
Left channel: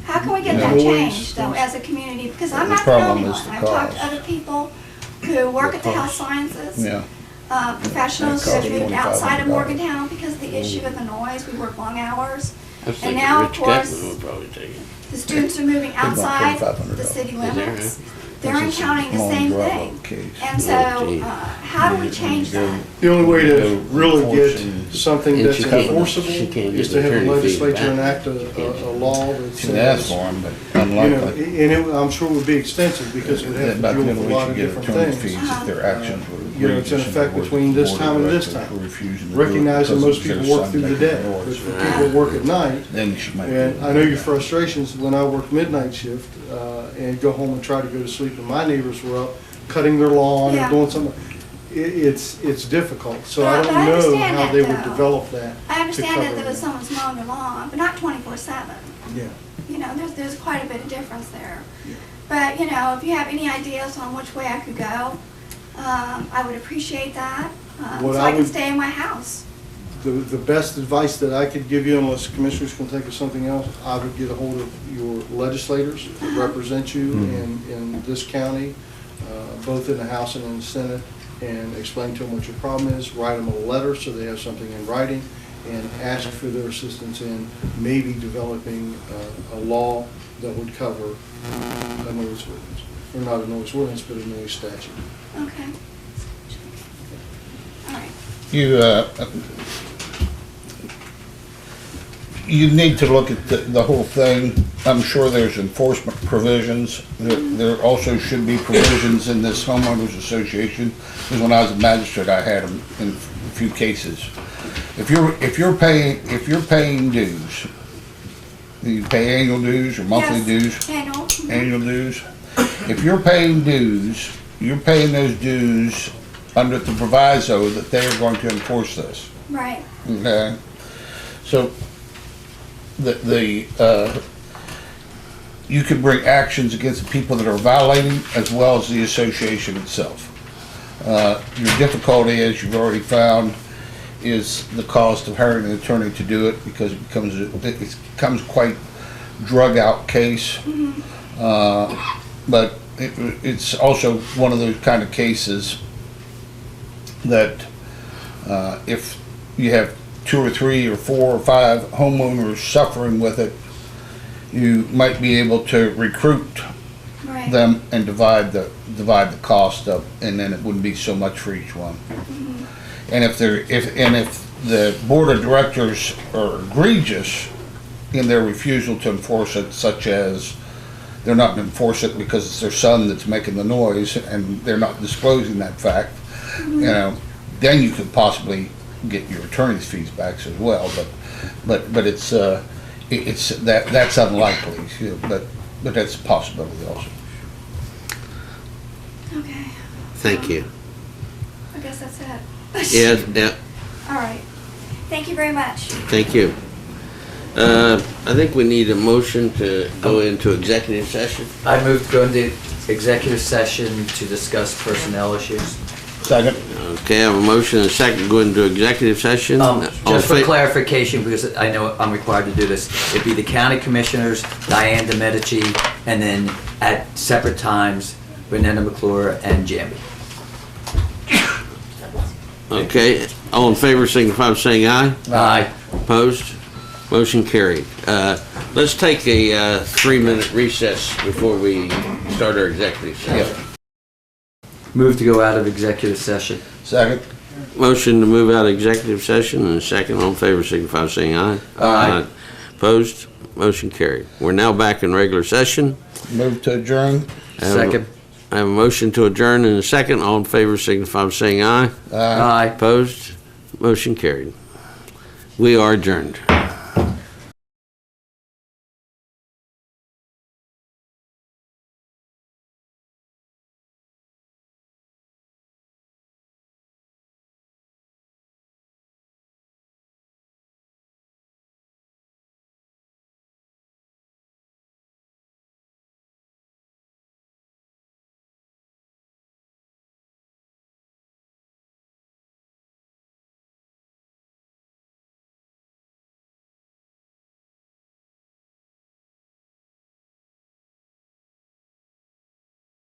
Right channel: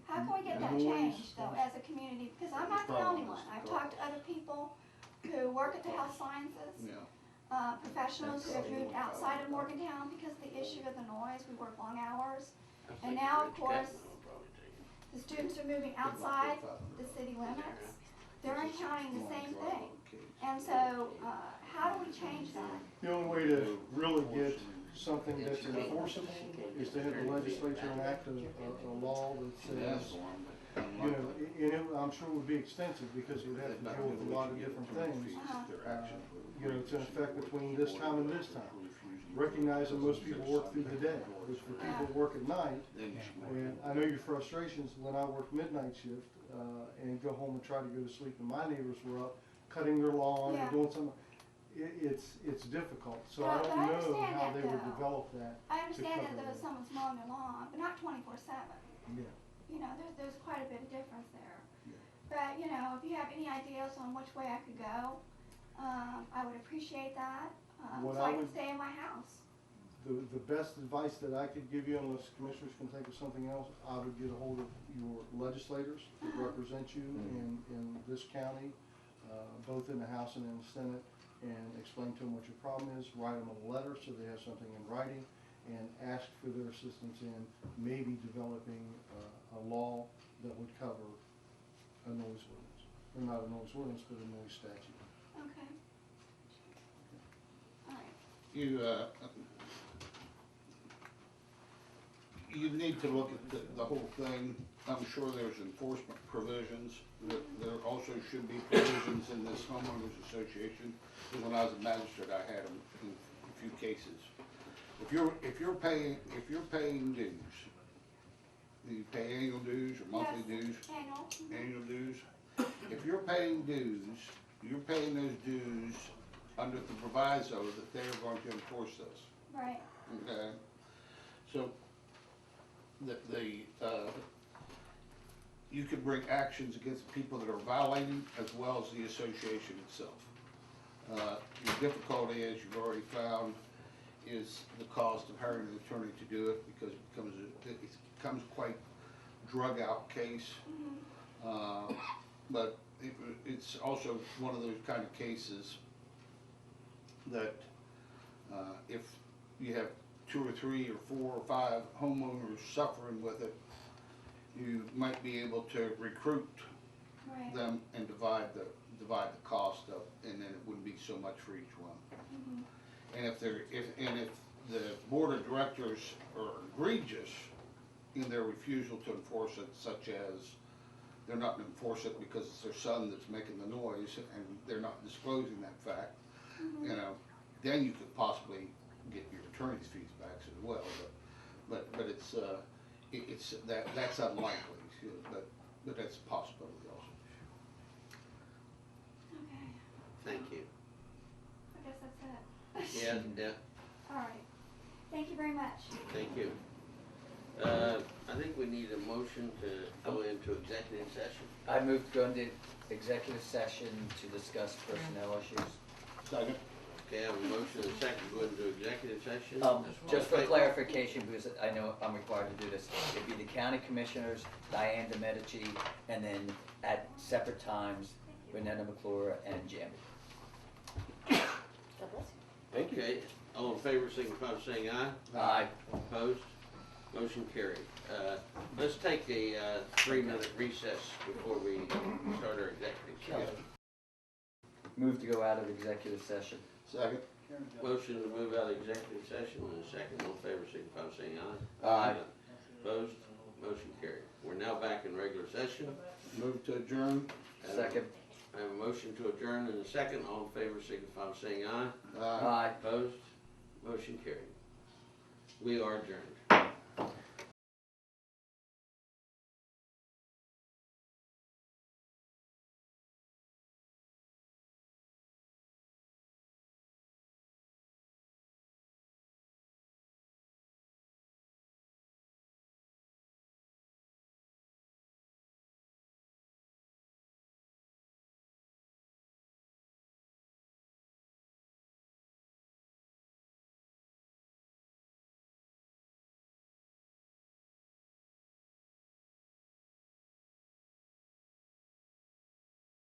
How can we get that changed though as a community? Because I'm not the only one. I've talked to other people who work at the health sciences. Yeah. Professionals who have moved outside of Morgantown because of the issue of the noise. We work long hours. And now, of course, the students are moving outside the city limits. They're encountering the same thing. And so, how do we change that? The only way to really get something that's enforceable is to have the legislature enact a law that says. You can ask for them, but You know, unlikely. and I'm sure it would be extensive, because it would have to deal with a lot of different things. If their actions were You know, it's in effect between this time and this time. Recognizing most people work through the day, but if people work at night, Then you should make. and I know your frustrations when I worked midnight shift, and go home and try to go to sleep, and my neighbors were up cutting their lawn Yeah. and doing something. It's difficult, so I But don't I know understand how that, they would though. develop that. I understand that cover there was someone's mowing their lawn, but not 24/7. Yeah. You know, there's quite a bit of difference there. But, you know, if you have any ideas on which way I could go, I would appreciate that, What so I I can would- stay in my house. The best advice that I could give you, unless commissioners can think of something else, I would get a hold of your legislators that represent you in this county, both in the House and in the Senate, and explain to them what your problem is, write them a letter so they have something in writing, and ask for their assistance in maybe developing a law that would cover a noise ordinance. Or not a noise ordinance, but a noise statute. Okay. All right. You, you need to look at the whole thing. I'm sure there's enforcement provisions. There also should be provisions in this homeowners association, because when I was a magistrate, I had them in a few cases. If you're paying dues, you pay annual dues or monthly Yes, dues? annual. Annual dues. If you're paying dues, you're paying those dues under the proviso that they are going to enforce this. Right. Okay? So, you can bring actions against the people that are violating as well as the association itself. Your difficulty, as you've already found, is the cost of hiring an attorney to do it, because it becomes quite drug out case. But it's also one of those kind of cases that if you have 2 or 3 or 4 or 5 homeowners suffering with it, you might be able to recruit them and divide the cost up, and then it wouldn't be so much for each one. And if the board of directors are egregious in their refusal to enforce it, such as they're not going to enforce it because it's their son that's making the noise and they're not disclosing that fact, you know, then you could possibly get your attorney's fees back as well. But it's that's unlikely, but that's a possibility also. Okay. Thank you. I guess that's it. Yeah. All right. Thank you very much. Thank you. I think we need a motion to go into executive session. I move to go into executive session to discuss personnel issues. Second. Okay, I have a motion and a second to go into executive session. Just for clarification, because I know I'm required to do this, it'd be the county commissioners, Diane DeMedici, and then at separate times, Renetta McClure and Jamie. Okay, all in favor signify by saying aye. Aye. Opposed? Motion carried. Let's take a 3-minute recess before we start our executive session. Move to go out of executive session. Second. Motion to move out of executive session and a second. All in favor signify by saying aye. Aye. Opposed? Motion carried. We're now back in regular session. Move to adjourn. Second. I have a motion to adjourn in a second. All in favor signify by saying aye. Aye. Opposed? Motion carried. We are adjourned.